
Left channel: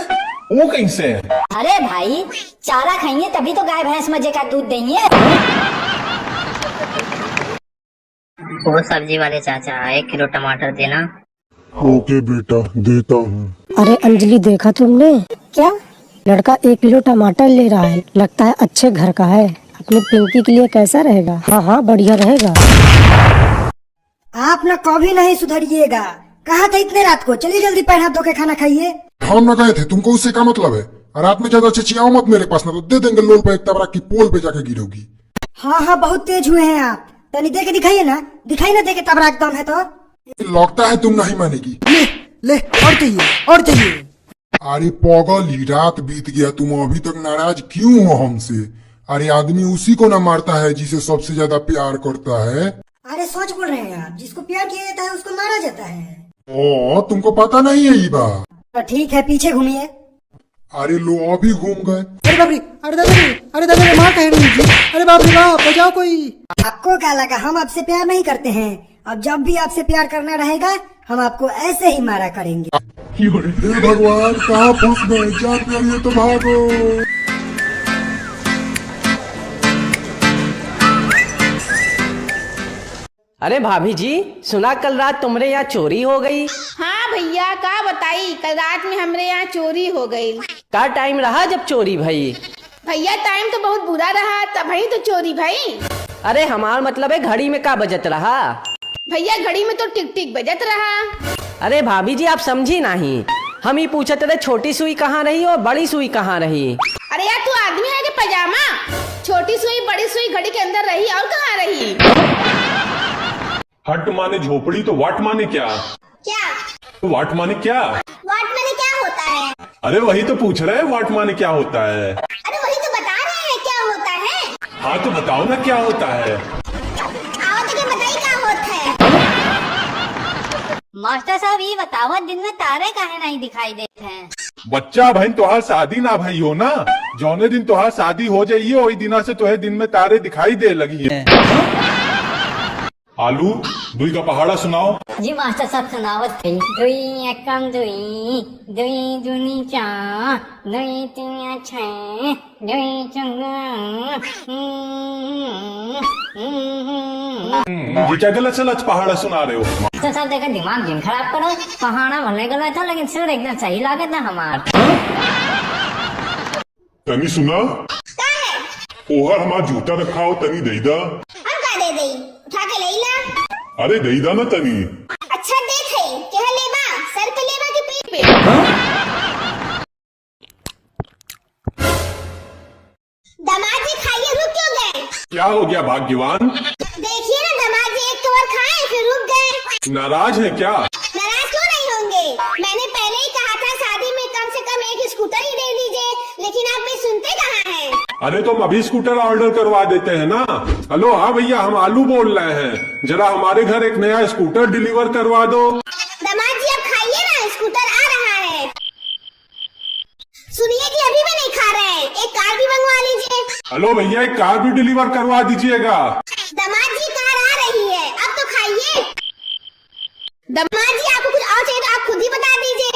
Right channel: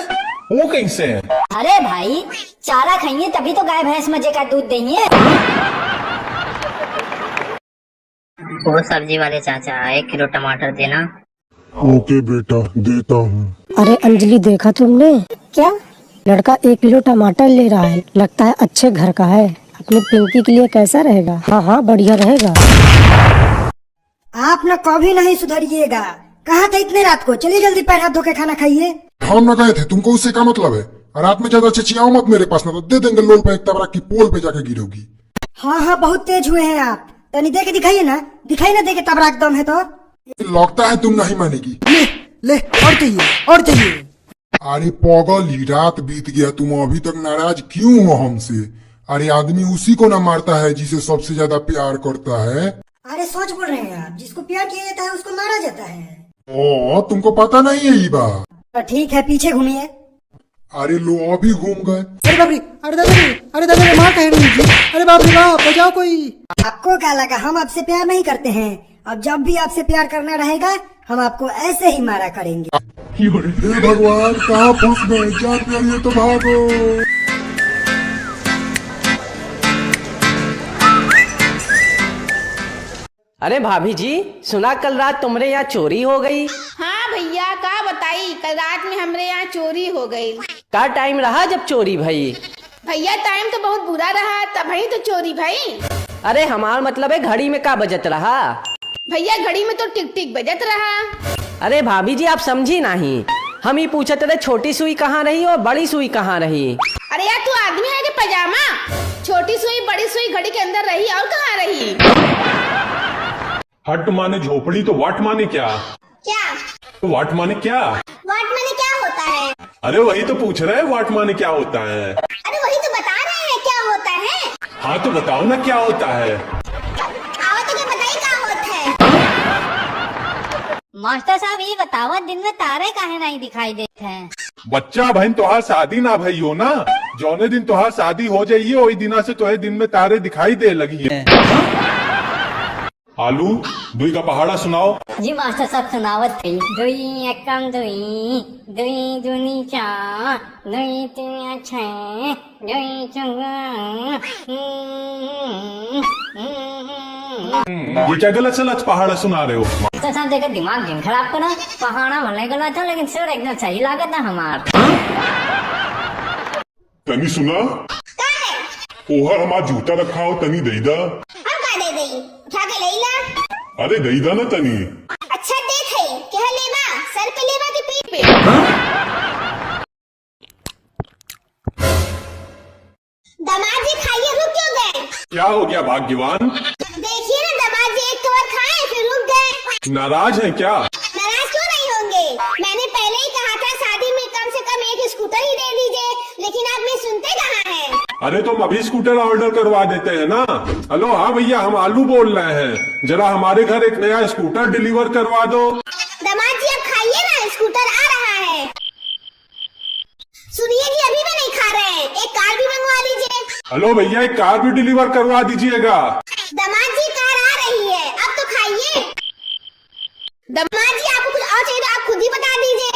वो कैसे? अरे भाई, चारा खाइए तभी तो गाय भैंस मजे का दूध देंगे। वो सब्जी वाले चाचा, 1 किलो टमाटर देना। ओके बेटा, देता हूँ। अरे अंजलि, देखा तुमने? क्या? लड़का 1 किलो टमाटर ले रहा है, लगता है अच्छे घर का है। अपनी पिंकी के लिए कैसा रहेगा? हाँ हाँ, बढ़िया रहेगा। आप ना कभी नहीं सुधरिएगा। कहा था इतने रात को? चलिए जल्दी पैर हाथ धो के खाना खाइए। हम न गए थे, तुमको उससे क्या मतलब है? रात में ज्यादा चिचियाओ मत मेरे पास, ना तो दे देंगे लोल पे एक तबरा की पोल पे जाके गिरोगी। हाँ हाँ, बहुत तेज हुए हैं आप। तनी दे के दिखाइए ना, दिखाई ना दे के तबरा एकदम है तो। लगता है तुम नहीं मानेगी। ले और चाहिए, और चाहिए। अरे पागल, रात बीत गया, तुम अभी तक नाराज क्यों हो हमसे? अरे आदमी उसी को ना मारता है जिसे सबसे ज्यादा प्यार करता है। अरे सोच बोल रहे हैं आप, जिसको प्यार किया जाता है उसको मारा जाता है। ओ, तुमको पता नहीं है ये बात? तो ठीक है, पीछे घूमिए। अरे लो, अभी घूम गए। अरे बाप रे, अरे दादा रे, अरे दादा रे, मार कहे नहीं जी। अरे बाप रे बाप, बचाओ कोई। आपको क्या लगा हम आपसे प्यार नहीं करते हैं? अब जब भी आपसे प्यार करना रहेगा हम आपको ऐसे ही मारा करेंगे। हे भगवान, कहाँ फंस गए? जान रही तो भागो। अरे भाभी जी, सुना कल रात तुम्हारे यहाँ चोरी हो गई? हाँ भैया, का बताई, कल रात में हमरे यहाँ चोरी हो गई। का टाइम रहा जब चोरी भई? भैया टाइम तो बहुत बुरा रहा, तभी तो चोरी भई। अरे हमार मतलब है घड़ी में का बजत रहा? भैया घड़ी में तो टिक टिक बजत रहा। अरे भाभी जी, आप समझी नहीं। हम ही पूछते रहे छोटी सुई कहाँ रही और बड़ी सुई कहाँ रही। अरे यार तू आदमी है कि पजामा? छोटी सुई बड़ी सुई घड़ी के अंदर रही और कहाँ रही? हट माने झोपड़ी तो वाट माने क्या? क्या? तो वाट माने क्या? वाट माने क्या होता है? अरे वही तो पूछ रहा है, वाट माने क्या होता है? अरे वही तो बता रहे हैं क्या होता है। हाँ तो बताओ ना क्या होता है? आओ तो बताइए क्या होता है। मास्टर साहब ये बताओ, दिन में तारे काहे नहीं दिखाई देते हैं? बच्चा बहन तुहार शादी ना भई हो ना, जौने दिन तुहार शादी हो जाइए वही दिना से तुहे दिन में तारे दिखाई दे लगी है। आलू दुई का पहाड़ा सुनाओ। जी मास्टर साहब सुनावत थी। दुई एकम दुई, दुई दूनी चार, दुई तीन छः, दुई ये क्या गलत सलत पहाड़ा सुना रहे हो? मास्टर साहब देखा दिमाग जिन खराब करा। पहाड़ा भले गलत था लेकिन सुर एकदम सही लगे था हमार। तनी सुना ओहर हमार जूता रखा हो तनी दई दा। दे दई उठा के ले ला। अरे दई दा ना तनी। अच्छा दे थई क्या लेवा, सर पे लेवा कि पीठ पे? दामाद जी खाइए, रुक क्यों गए? क्या हो गया भाग्यवान? देखिए ना दामाद जी एक तो और खाए फिर रुक गए। नाराज है क्या? नाराज क्यों नहीं होंगे, मैंने पहले ही कहा था शादी में कम से कम एक स्कूटर ही दे दीजिए, लेकिन आप भी सुनते कहाँ हैं? अरे तुम अभी स्कूटर ऑर्डर करवा देते हैं ना। हेलो हाँ भैया हम आलू बोल रहे हैं, जरा हमारे घर एक नया स्कूटर डिलीवर करवा दो। दामाद जी अब खाइए ना, स्कूटर आ रहा है। सुनिए जी अभी भी नहीं खा रहे हैं, एक कार भी मंगवा लीजिए। हेलो भैया एक कार भी डिलीवर करवा दीजिएगा। दामाद जी कार आ रही है, अब तो खाइए। दामाद जी आपको कुछ और चाहिए तो आप खुद ही बता दीजिए।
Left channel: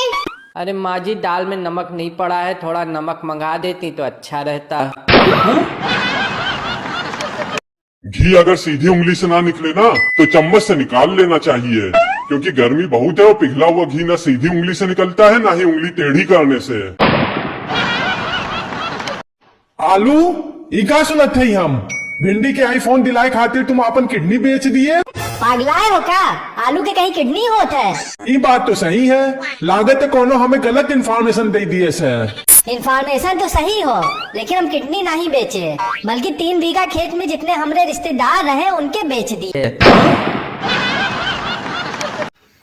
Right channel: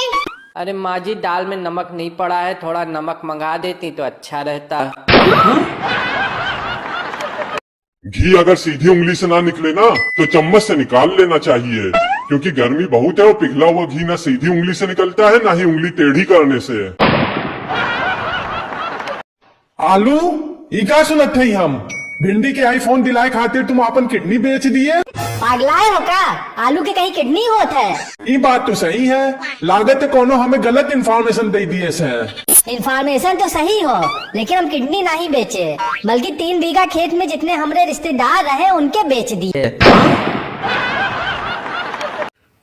अरे माँ जी दाल में नमक नहीं पड़ा है, थोड़ा नमक मंगा देती तो अच्छा रहता। घी अगर सीधी उंगली से ना निकले ना तो चम्मच से निकाल लेना चाहिए, क्योंकि गर्मी बहुत है और पिघला हुआ घी ना सीधी उंगली से निकलता है ना ही उंगली टेढ़ी करने से। आलू इका सुनत है हम भिंडी के आईफोन दिलाए खाते तुम अपन किडनी बेच दिए। पागलाए हो क्या? आलू की कहीं किडनी होत है? ये बात तो सही है, लागत है कोनो हमें गलत इन्फॉर्मेशन दे दिए से। इन्फॉर्मेशन तो सही हो लेकिन हम किडनी नहीं बेचे, बल्कि 3 बीघा खेत में जितने हमारे रिश्तेदार रहे उनके बेच दिए।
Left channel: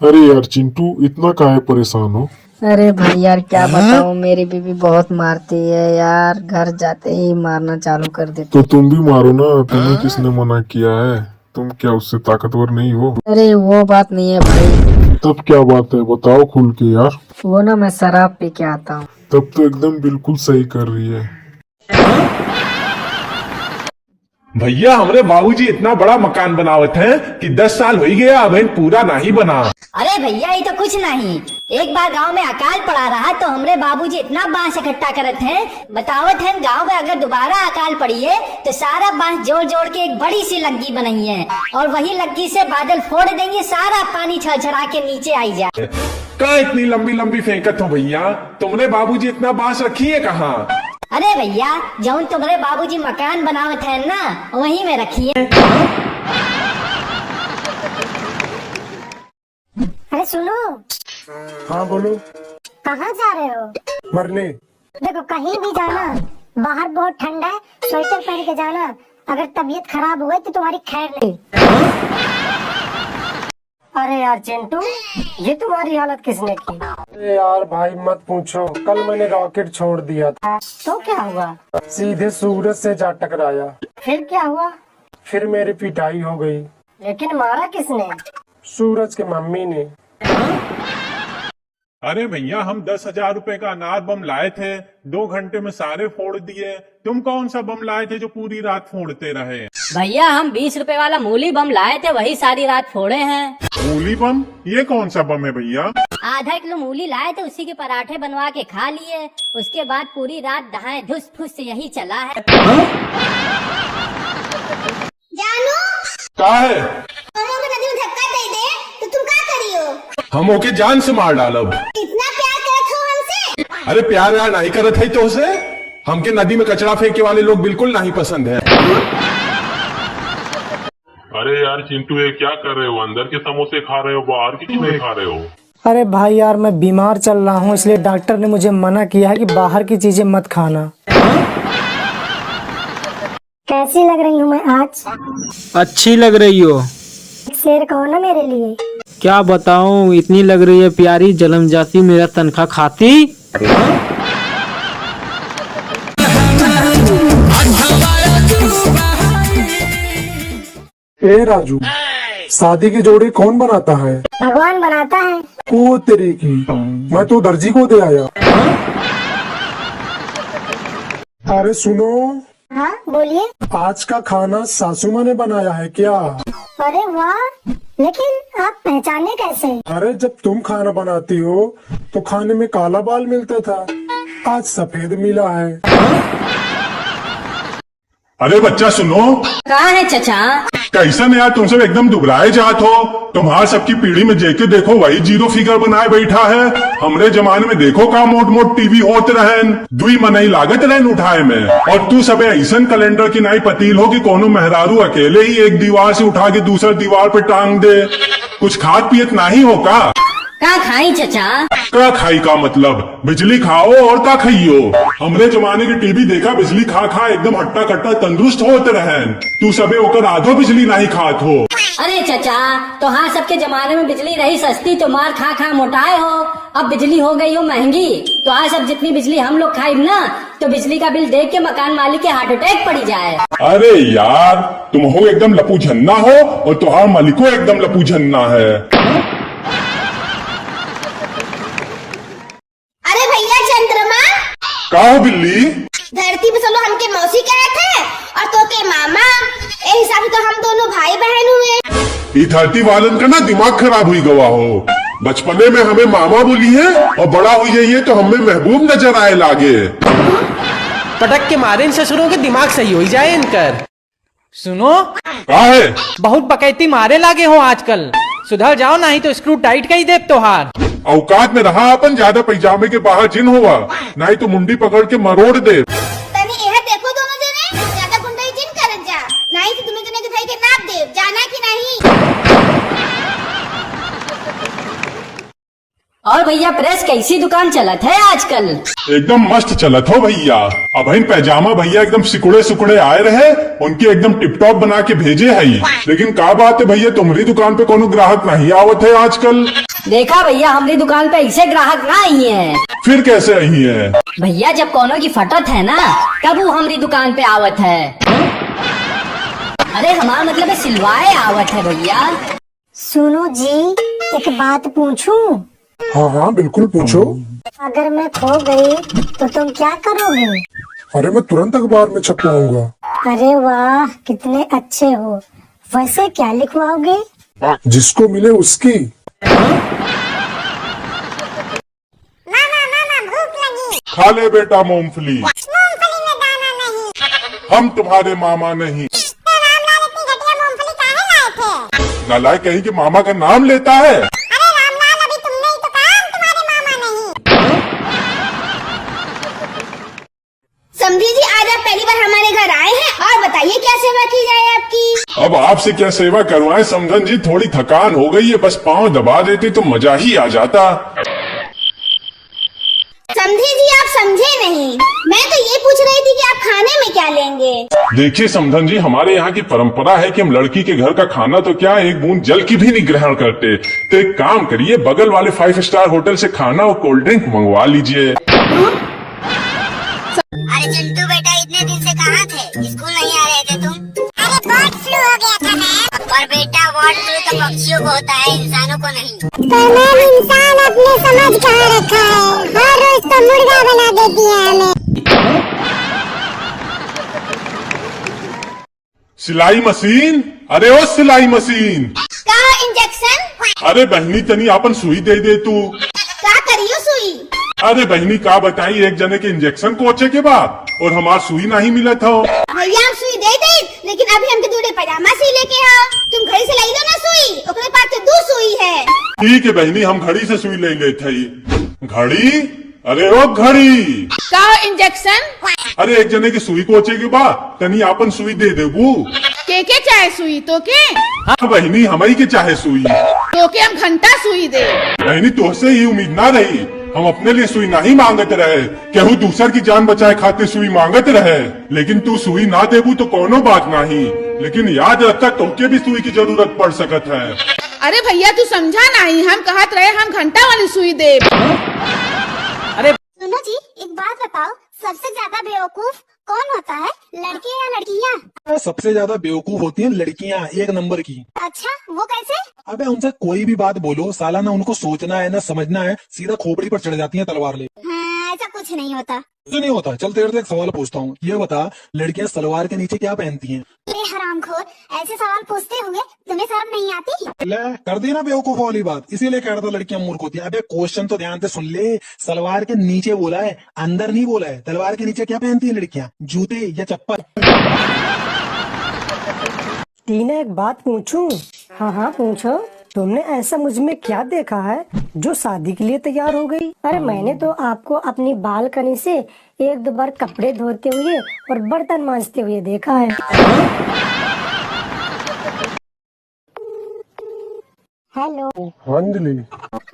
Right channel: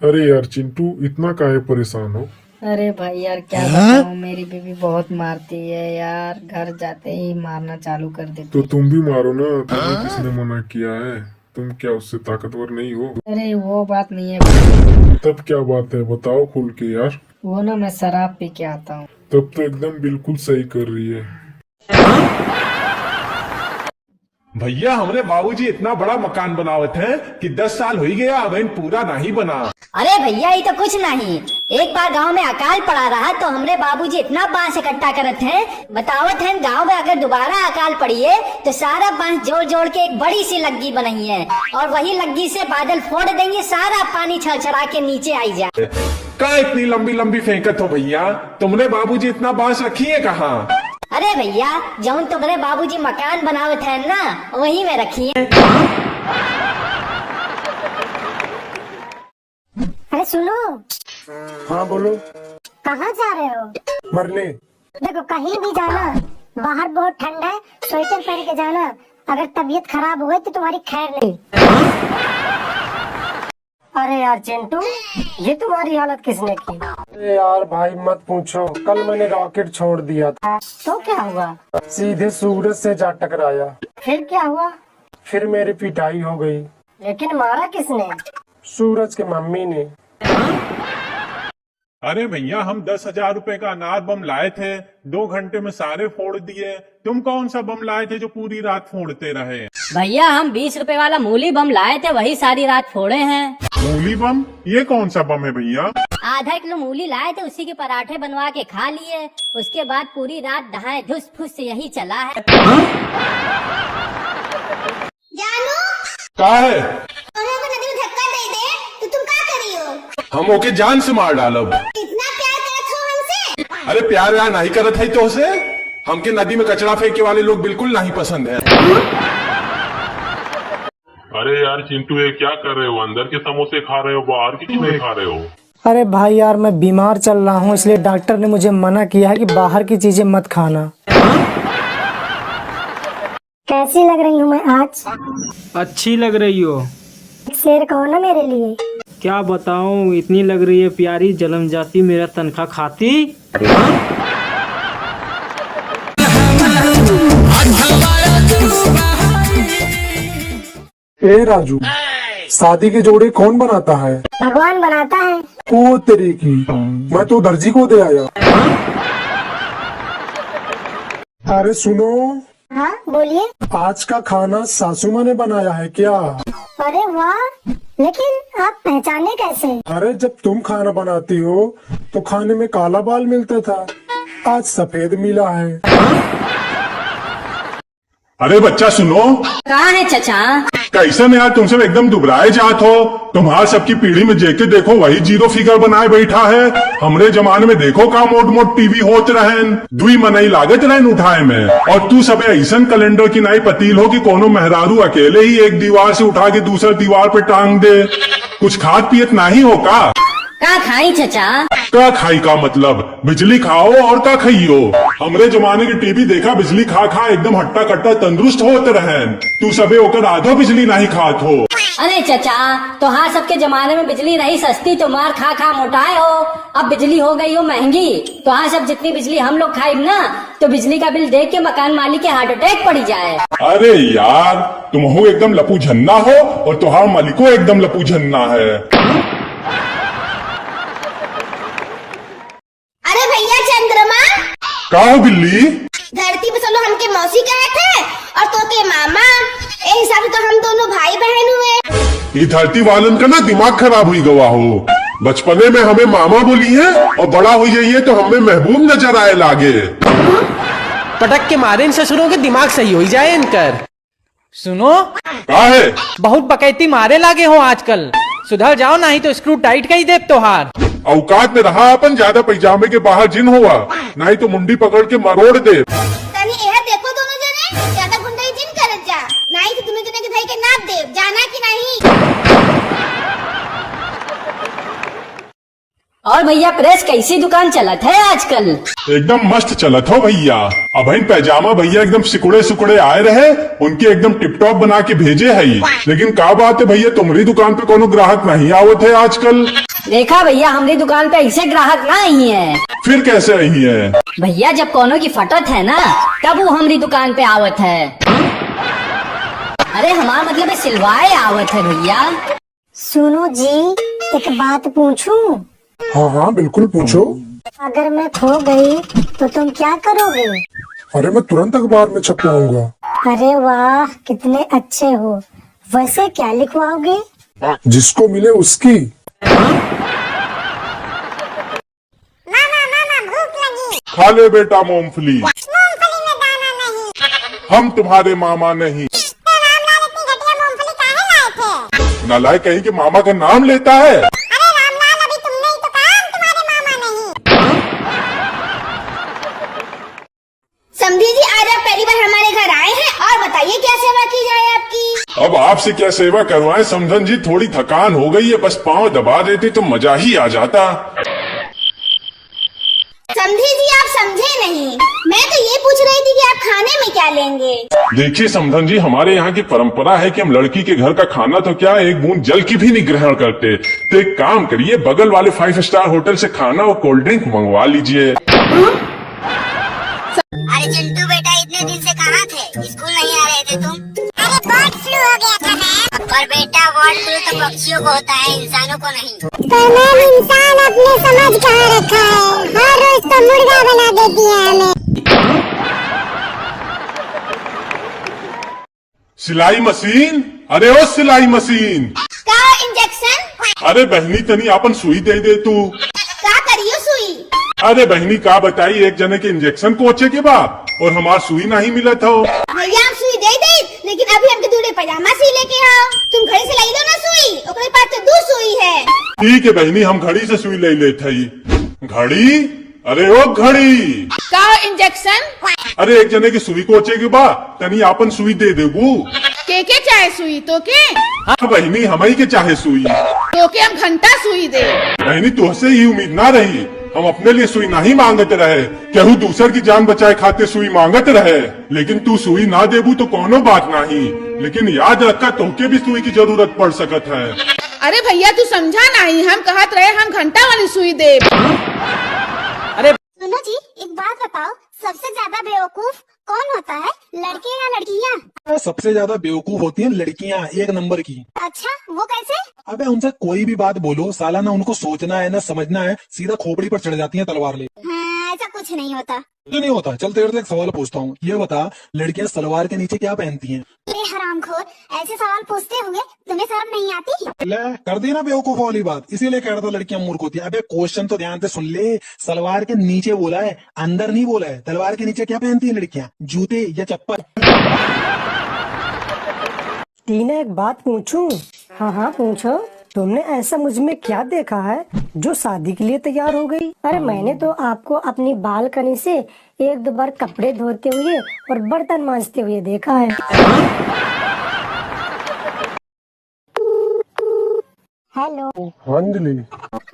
अरे यार चिंटू इतना काहे परेशान हो? अरे भाई यार क्या बताऊं, मेरी बीवी बहुत मारती है यार, घर जाते ही मारना चालू कर देती। तो तुम भी मारो ना, तुम्हें किसने मना किया है? तुम क्या उससे ताकतवर नहीं हो? अरे वो बात नहीं है भाई। तब क्या बात है बताओ खुल के यार। वो ना मैं शराब पी के आता हूँ। तब तो एकदम बिल्कुल सही कर रही है। भैया हमारे बाबूजी इतना बड़ा मकान बनावत है कि 10 साल हो ही गया अभी पूरा नहीं बना। अरे भैया ये तो कुछ नहीं, एक बार गांव में अकाल पड़ा रहा तो हमरे बाबूजी इतना बांस इकट्ठा करत हैं, बतावत हैं गांव में अगर दोबारा अकाल पड़ी है तो सारा बांस जोड़ जोड़ के एक बड़ी सी लग्गी बनाई है और वही लग्गी से बादल फोड़ देंगे, सारा पानी छरछरा के नीचे आई जाए। कहाँ इतनी लंबी लंबी फेंकत हो भैया, तुमने बाबूजी इतना बांस रखी है कहाँ? अरे भैया जौन तुम्हारे बाबूजी मकान बनावत है ना वही में रखी है। अरे सुनो। हाँ बोलो। कहाँ जा रहे हो? मरने। देखो कहीं भी जाना, बाहर बहुत ठंड है, स्वेटर पहन के जाना, अगर तबीयत खराब हो गई तो तुम्हारी खैर नहीं। अरे यार चिंटू ये तुम्हारी हालत किसने की? अरे यार भाई मत पूछो, कल मैंने रॉकेट छोड़ दिया था। तो क्या हुआ? सीधे सूरज से जा टकराया। फिर क्या हुआ? फिर मेरी पिटाई हो गई। लेकिन मारा किसने? सूरज के मम्मी ने। अरे भैया हम 10,000 रुपए का अनार बम लाए थे, 2 घंटे में सारे फोड़ दिए। तुम कौन सा बम लाए थे जो पूरी रात फोड़ते रहे? भैया हम 20 रुपए वाला मूली बम लाए थे, वही सारी रात फोड़े हैं। मूली बम? ये कौन सा बम है भैया? आधा किलो मूली लाए थे, उसी के पराठे बनवा के खा लिए, उसके बाद पूरी रात दहाए धुस फुस यही चला है। जानू क्या है? नदी में धक्का दे दे तो तुम क्या करियो? हम ओके जान से मार डालब। इतना प्यार करत हो हमसे? अरे प्यार व्यार नहीं करत है तो से हमके नदी में कचरा फेंके वाले लोग बिल्कुल नहीं पसंद है। अरे यार चिंटू ये क्या कर रहे हो? अंदर के समोसे खा रहे हो, बाहर के क्यों नहीं खा रहे हो? अरे भाई यार मैं बीमार चल रहा हूँ, इसलिए डॉक्टर ने मुझे मना किया है कि बाहर की चीजें मत खाना। कैसी लग रही हूँ मैं आज? अच्छी लग रही हो। शेर कहो ना मेरे लिए। क्या बताऊं, इतनी लग रही है प्यारी, जन्म जाती मेरा तनख्वाह खाती। ए राजू, शादी के जोड़े कौन बनाता है? भगवान बनाता है। ओ तेरी की, मैं तो दर्जी को दे आया। अरे सुनो। हाँ बोलिए। आज का खाना सासू माँ ने बनाया है क्या? अरे वाह, लेकिन आप पहचाने कैसे? अरे जब तुम खाना बनाती हो तो खाने में काला बाल मिलता था, आज सफेद मिला है। अरे बच्चा सुनो, कहाँ है चचा? कैसन यार तुमसे एकदम दुबराए जात हो। तुम्हार सबकी पीढ़ी में जेके देखो वही जीरो फिगर बनाए बैठा है। हमरे जमाने में देखो का मोट मोट टीवी होत रहन, दुई मनई लागत रहन उठाए में। और तू सबे ऐसन कैलेंडर की नई पतील हो कि कोनो मेहरारू अकेले ही एक दीवार से उठा के दूसरे दीवार पे टांग दे। कुछ खाद पियत नहीं हो का? का खाई चचा? का खाई का मतलब बिजली खाओ और का खाइयो। हमरे जमाने की टीवी देखा बिजली खा खा एकदम हट्टा कट्टा तंदुरुस्त होते रहन। तू सबे ओकर आधो बिजली नहीं खात हो। अरे चचा, तो हाँ सबके जमाने में बिजली रही सस्ती तो मार खा खा मोटाए हो। अब बिजली हो गई हो महंगी, तो हाँ सब जितनी बिजली हम लोग खाई ना तो बिजली का बिल देख के मकान मालिक के हार्ट अटैक पड़ी जाए। अरे यार तुम हो एकदम लपू झन्ना हो और तुहार मालिको एकदम लपू झन्ना है। अरे भैया चंद्रमा, का हो बिल्ली? धरती पे चलो हमके मौसी कहे थे और तो के मामा, ए हिसाब से तो हम दोनों भाई बहन हुए। ये धरती वालन का ना दिमाग खराब हुई गवा हो। बचपने में हमें मामा बोली है और बड़ा हो जाइए तो हमें महबूब नजर आए लागे। पटक के मारे इन ससुरों के दिमाग सही हो जाए इनकर। सुनो, का है? बहुत बकैती मारे लागे हो आजकल, सुधर जाओ नहीं तो स्क्रू टाइट का ही देव तोहार। औकात में रहा अपन, ज्यादा पैजामे के बाहर जिन हुआ नहीं तो मुंडी पकड़ के मरोड़ दे। तनी यह देखो दोनों जने, ज्यादा कुंडई जिन करत जा, नहीं तो दोनों जने के भाई के नाप देव, जाना कि नहीं? और भैया प्रेस कैसी दुकान चलत है आजकल? एकदम मस्त चलत हो भैया। अब पैजामा भैया एकदम सिकुड़े सिकुड़े आए रहे, उनके एकदम टिपटॉप बना के भेजे है। लेकिन का बात है भैया, तुम्हारी दुकान पे कोनो ग्राहक नहीं आवत है आजकल। देखा भैया, हमारी दुकान पे ऐसे ग्राहक ना आई है। फिर कैसे रही है? भैया जब कोनो की फटत है ना तब वो हमारी दुकान पे आवत है। अरे हमारा मतलब है सिलवाए आवत है भैया। सुनो जी, एक बात पूछूं? हाँ हाँ बिल्कुल पूछो। अगर मैं खो गई तो तुम क्या करोगे? अरे मैं तुरंत अखबार में छपवाऊंगा। अरे वाह, कितने अच्छे हो। वैसे क्या लिखवाओगे? जिसको मिले उसकी। मामा भूख लगी। खा ले बेटा मूंगफली। मूंगफली में दाना नहीं। हम तुम्हारे मामा नहीं। तो रामलाल इतनी घटिया मूंगफली काहे लाए थे? नालायक कहीं के मामा का नाम लेता है। अरे रामलाल, अभी तुमने ही तो कहा हम तुम्हारे मामा नहीं। समझी जी, आज आप पहली बार हमारे घर आए हैं और बताइए क्या सेवा की जाए आपकी? अब आपसे क्या सेवा करवाएं समझन जी, थोड़ी थकान हो गई है, बस पाँव दबा देती तो मजा ही आ जाता। समझी जी, आप समझे नहीं, मैं तो ये पूछ रही थी कि आप खाने में क्या लेंगे? देखिए समधन जी, हमारे यहाँ की परंपरा है कि हम लड़की के घर का खाना तो क्या एक बूंद जल की भी नहीं ग्रहण करते। तो एक काम करिए, बगल वाले 5 स्टार होटल से खाना और कोल्ड ड्रिंक मंगवा लीजिए। अरे चिंटू बेटा, इतने दिन से कहाँ थे? स्कूल नहीं आ रहे थे तुम? अरे बर्ड फ्लू हो गया था मैम। पर बेटा बर्ड फ्लू तो पक्षियों को होता है, इंसानों को नहीं। तो मैम इंसान अपने समझ कहाँ रखा है, हर रोज तो मुर्गा बना देती है हमें। सिलाई मशीन? अरे ओ सिलाई मशीन। का इंजेक्शन? अरे बहनी तनी अपन सुई दे दे तू। क्या करियो सुई? अरे बहनी का बताई, एक जने के इंजेक्शन पहुंचे के बाद और हमार सुई नहीं मिला था। भैया आप सुई दे दे, लेकिन अभी हमके दूल्हे पैजामा सी लेके आओ। तुम घड़ी से लाई लो ना सुई, ओकरे पास तो 2 सुई है। ठीक है बहनी, हम घड़ी से सुई ले लेते ही। घड़ी? अरे ओ घड़ी। का इंजेक्शन? अरे एक जने की सुई पहुंचे के बाद तनी आपन सुई दे देबू। के चाहे सुई तो के? हाँ बहनी, हमारी के चाहे सुई तो के हम घंटा सुई दे। बहनी तुझसे ही उम्मीद ना रही, हम अपने लिए सुई नहीं मांगते रहे, केहू दूसर की जान बचाए खाते सुई मांगते रहे। लेकिन तू सुई ना देबू तो कोनो बात नहीं, लेकिन याद रखता तोहके भी सुई की जरूरत पड़ सकत है। अरे भैया तू समझा नहीं, हम कहत रहे हम घंटा वाली सुई दे। सुनो जी, एक बात बताओ, सबसे ज्यादा बेवकूफ कौन होता है, लड़के या लड़कियाँ? सबसे ज्यादा बेवकूफ होती हैं लड़कियाँ, 1 नंबर की। अच्छा, वो कैसे? अबे उनसे कोई भी बात बोलो, साला ना उनको सोचना है ना समझना है, सीधा खोपड़ी पर चढ़ जाती हैं तलवार ले। हाँ, ऐसा कुछ नहीं होता। कुछ नहीं होता। चल तेरे से एक सवाल पूछता हूँ, ये बता लड़कियाँ सलवार के नीचे क्या पहनती हैं? हरामखोर, ऐसे सवाल पूछते होंगे तुम्हें शर्म नहीं आती। ले कर दी ना बेवकूफ वाली बात, इसीलिए कह रहा था लड़कियां मूर्ख होती है। अबे क्वेश्चन तो ध्यान से सुन ले, सलवार के नीचे बोला है, अंदर नहीं बोला है। सलवार के नीचे क्या पहनती है लड़कियां, जूते या चप्पल? टीना एक बात पूछूं? हाँ हाँ पूछो। तुमने ऐसा मुझ में क्या देखा है जो शादी के लिए तैयार हो गई? अरे मैंने तो आपको अपनी बालकनी से एक दो बार कपड़े धोते हुए और बर्तन मांजते हुए देखा है। हेलो। हाँ अंजलि,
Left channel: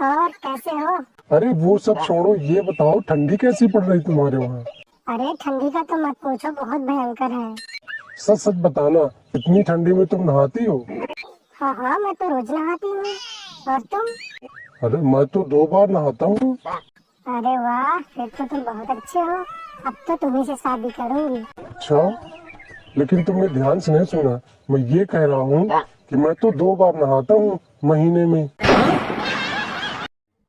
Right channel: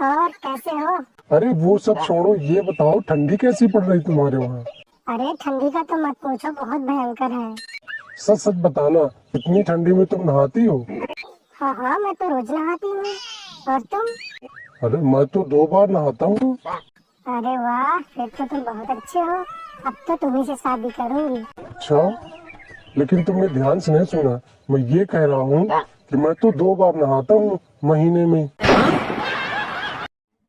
और कैसे हो? अरे वो सब छोड़ो, ये बताओ ठंडी कैसी पड़ रही तुम्हारे वहाँ? अरे ठंडी का तो मत पूछो, बहुत भयंकर है। सच सच बताना, इतनी ठंडी में तुम नहाती हो? हाँ हाँ, मैं तो रोज नहाती हूँ। और तुम? अरे मैं तो 2 बार नहाता हूँ। अरे वाह, फिर तो तुम बहुत अच्छे हो। अब तो तुम्ही से शादी करूंगी। अच्छा, लेकिन तुमने ध्यान से नहीं सुना। मैं ये कह रहा हूँ कि मैं तो 2 बार नहाता हूँ महीने में।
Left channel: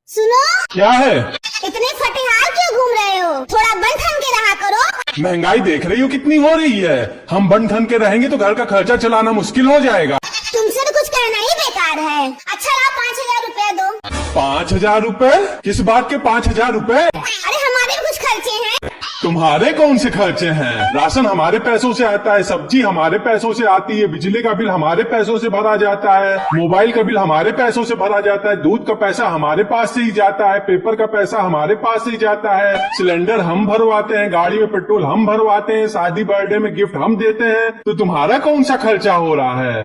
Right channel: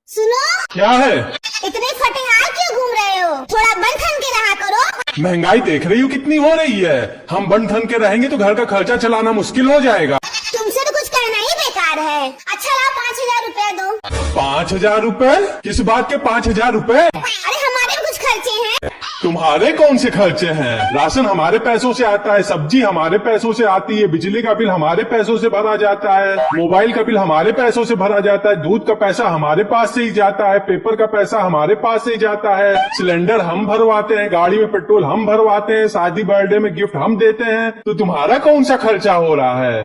सुनो, क्या है? इतने फटेहाल क्यों घूम रहे हो? थोड़ा बन ठन के रहा करो। महंगाई देख रही हो कितनी हो रही है। हम बन ठन के रहेंगे तो घर का खर्चा चलाना मुश्किल हो जाएगा। तुमसे तो कुछ कहना ही बेकार है। अच्छा ला 5,000 रुपए दो। 5,000 रुपए? किस बात के 5,000 रुपए? अरे हमारे कुछ खर्चे हैं। तुम्हारे कौन से खर्चे हैं? राशन हमारे पैसों से आता है, सब्जी हमारे पैसों से आती है, बिजली का बिल हमारे पैसों से भरा जाता है, मोबाइल का बिल हमारे पैसों से भरा जाता है, दूध का पैसा हमारे पास से ही जाता है, पेपर का पैसा हमारे पास से ही जाता है, सिलेंडर हम भरवाते हैं, गाड़ी में पेट्रोल हम भरवाते हैं, शादी बर्थडे में गिफ्ट हम देते हैं। तो तुम्हारा कौन सा खर्चा हो रहा है?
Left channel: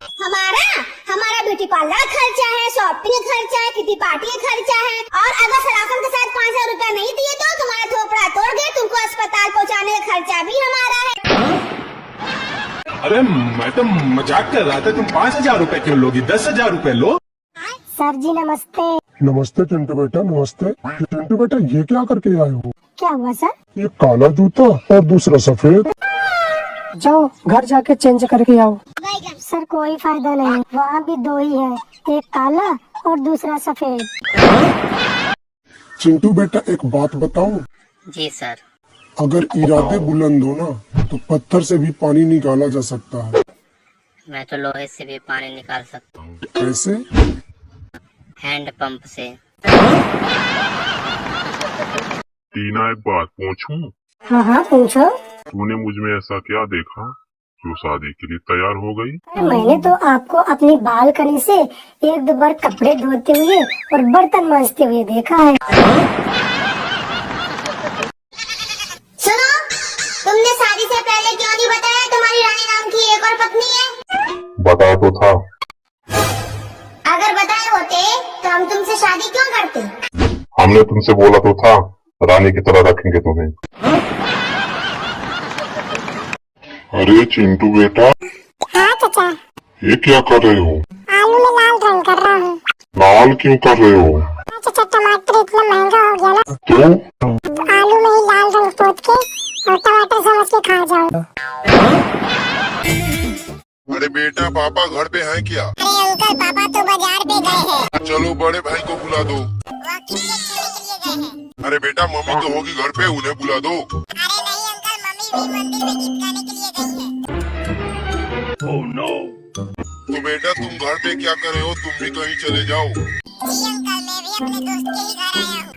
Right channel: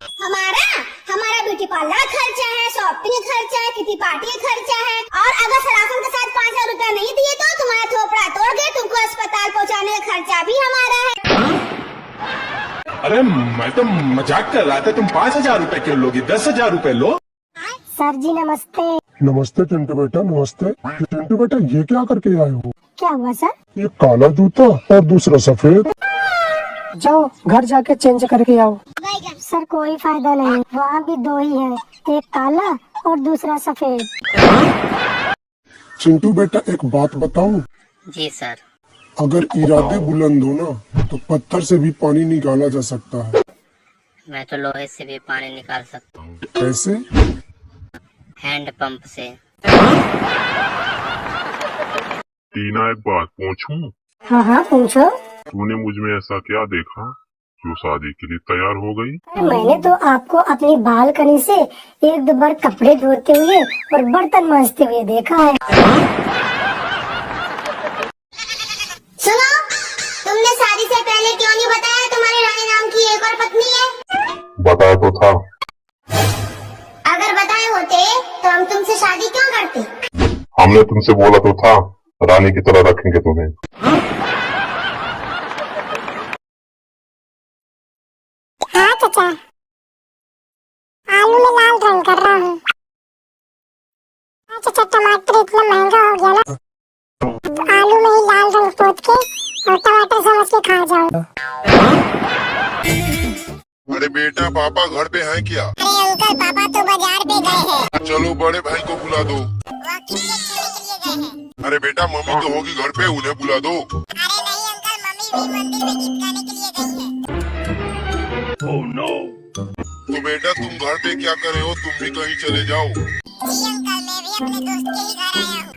हमारा ब्यूटी पार्लर खर्चा है, शॉपिंग खर्चा है, किटी पार्टी खर्चा है। और अगर सराफन के साथ 5,000 रुपया नहीं दिए तो तुम्हारा थोपड़ा तोड़ गए, तुमको अस्पताल पहुंचाने का खर्चा भी हमारा है। अरे मैं तो मजाक कर रहा था, तुम 5,000 रुपए क्यों लोगी? 10,000 रुपए लो। सर जी नमस्ते। नमस्ते चिंटू बेटा, नमस्ते। चिंटू बेटा, ये क्या करके आए हो? क्या हुआ सर? ये काला जूता और दूसरा सफेद। जाओ घर जाके चेंज करके आओ। सर कोई फायदा नहीं, वहाँ भी 2 ही है, एक काला और दूसरा सफेद। चिंटू बेटा एक बात बताऊं? जी सर। अगर इरादे बुलंद हो ना तो पत्थर से भी पानी निकाला जा सकता है। मैं तो लोहे से भी पानी निकाल सकता हूँ। कैसे? हैंड पंप से। टीना एक बात पूछूं? हाँ हाँ पूछो। तूने मुझ में ऐसा क्या देखा जो शादी के लिए तैयार हो गई? मैंने तो आपको अपनी बालकनी से एक दो बार कपड़े धोते हुए और बर्तन मांजते हुए देखा है। सुनो, तुमने शादी से पहले क्यों नहीं बताया तुम्हारी रानी नाम की एक और पत्नी है? बता तो था। अगर बताए होते तो हम तुमसे शादी क्यों करते? हमने तुमसे बोला तो था रानी की तरह रखेंगे तुम्हें। अरे चिंटू बेटा। हाँ चाचा। ये क्या कर रहे हो? आलू में लाल रंग कर रहा हूँ। लाल क्यों कर रहे हो? चाचा टमाटर इतना महंगा हो गया ना, तो आलू में ही लाल रंग पोत के और टमाटर समझ के खा जाओ। अरे बेटा, पापा घर पे हैं क्या? अरे अंकल, पापा तो बाजार पे गए हैं। चलो बड़े भाई को बुला दो। वो क्रिकेट खेलने के लिए गए हैं। अरे बेटा, मम्मी तो होगी घर पे, उन्हें बुला दो। अरे नहीं अंकल, मम्मी भी मंदिर में गीत गाने के लिए गई है। तो बेटा तुम घर पे क्या कर रहे हो? तुम भी कहीं चले जाओ। जी अंकल, मैं भी अपने दोस्त के ही घर आया हूँ।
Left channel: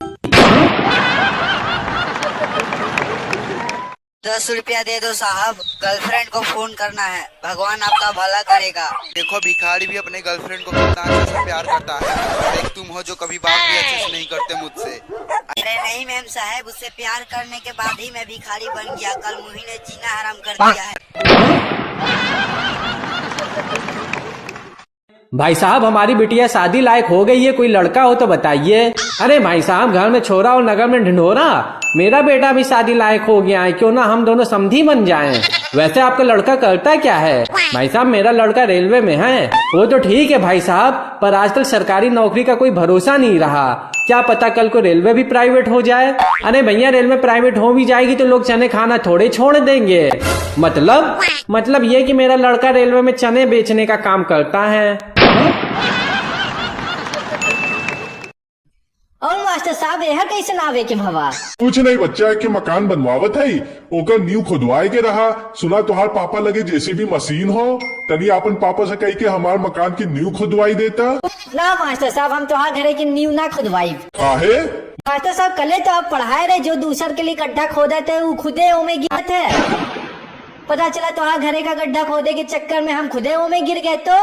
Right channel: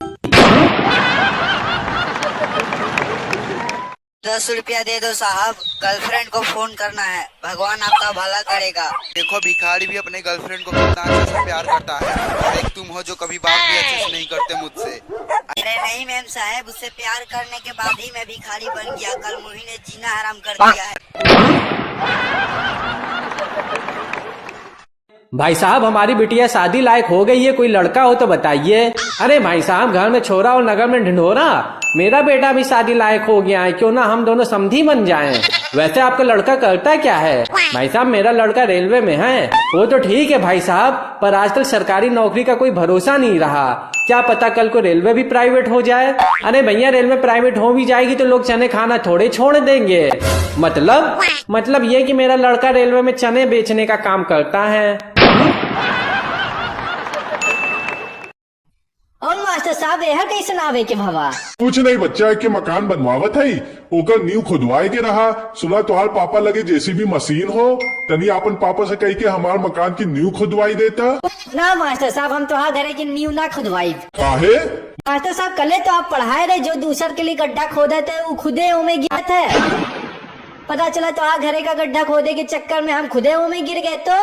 10 रुपया दे दो साहब, गर्लफ्रेंड को फोन करना है, भगवान आपका भला करेगा। देखो भिखारी भी अपने गर्लफ्रेंड को कितना अच्छे से प्यार करता है, और एक तुम हो जो कभी बात भी अच्छे से नहीं करते मुझसे। अरे नहीं मैम साहब, उससे प्यार करने के बाद ही मैं भिखारी बन गया। कल मुही ने जीना हराम कर दिया है। भाई साहब, हमारी बिटिया शादी लायक हो गई है, कोई लड़का हो तो बताइए। अरे भाई साहब, घर में छोरा और नगर में ढिंढोरा। मेरा बेटा भी शादी लायक हो गया है, क्यों ना हम दोनों समधी बन जाएं। वैसे आपका लड़का करता क्या है? भाई साहब, मेरा लड़का रेलवे में है। वो तो ठीक है भाई साहब, पर आजकल सरकारी नौकरी का कोई भरोसा नहीं रहा। क्या पता कल को रेलवे भी प्राइवेट हो जाए। अरे भैया, रेलवे प्राइवेट हो भी जाएगी तो लोग चने खाना थोड़े छोड़ देंगे। मतलब ये कि मेरा लड़का रेलवे में चने बेचने का काम करता है। और मास्टर साहब, साहब यहाँ कैसे आवे के भवा? कुछ नहीं बच्चा की मकान बनवावत है, ओकर नींव खुदवाए के रहा। सुना तुम्हार पापा लगी जेसीबी मशीन हो, तनी अपन पापा से कही के हमार मकान की नींव खुदवाई देता। ना मास्टर साहब, हम तो घरे की नींव ना खुदवाई। काहे? मास्टर साहब कल तो आप पढ़ाए रहे, जो दूसर के लिए गड्ढा खोदे थे वो खुदे उमें गिरे थे। पता चला तो घरे का गड्ढा खोदे के चक्कर में हम खुदे उमें गिर गए। तो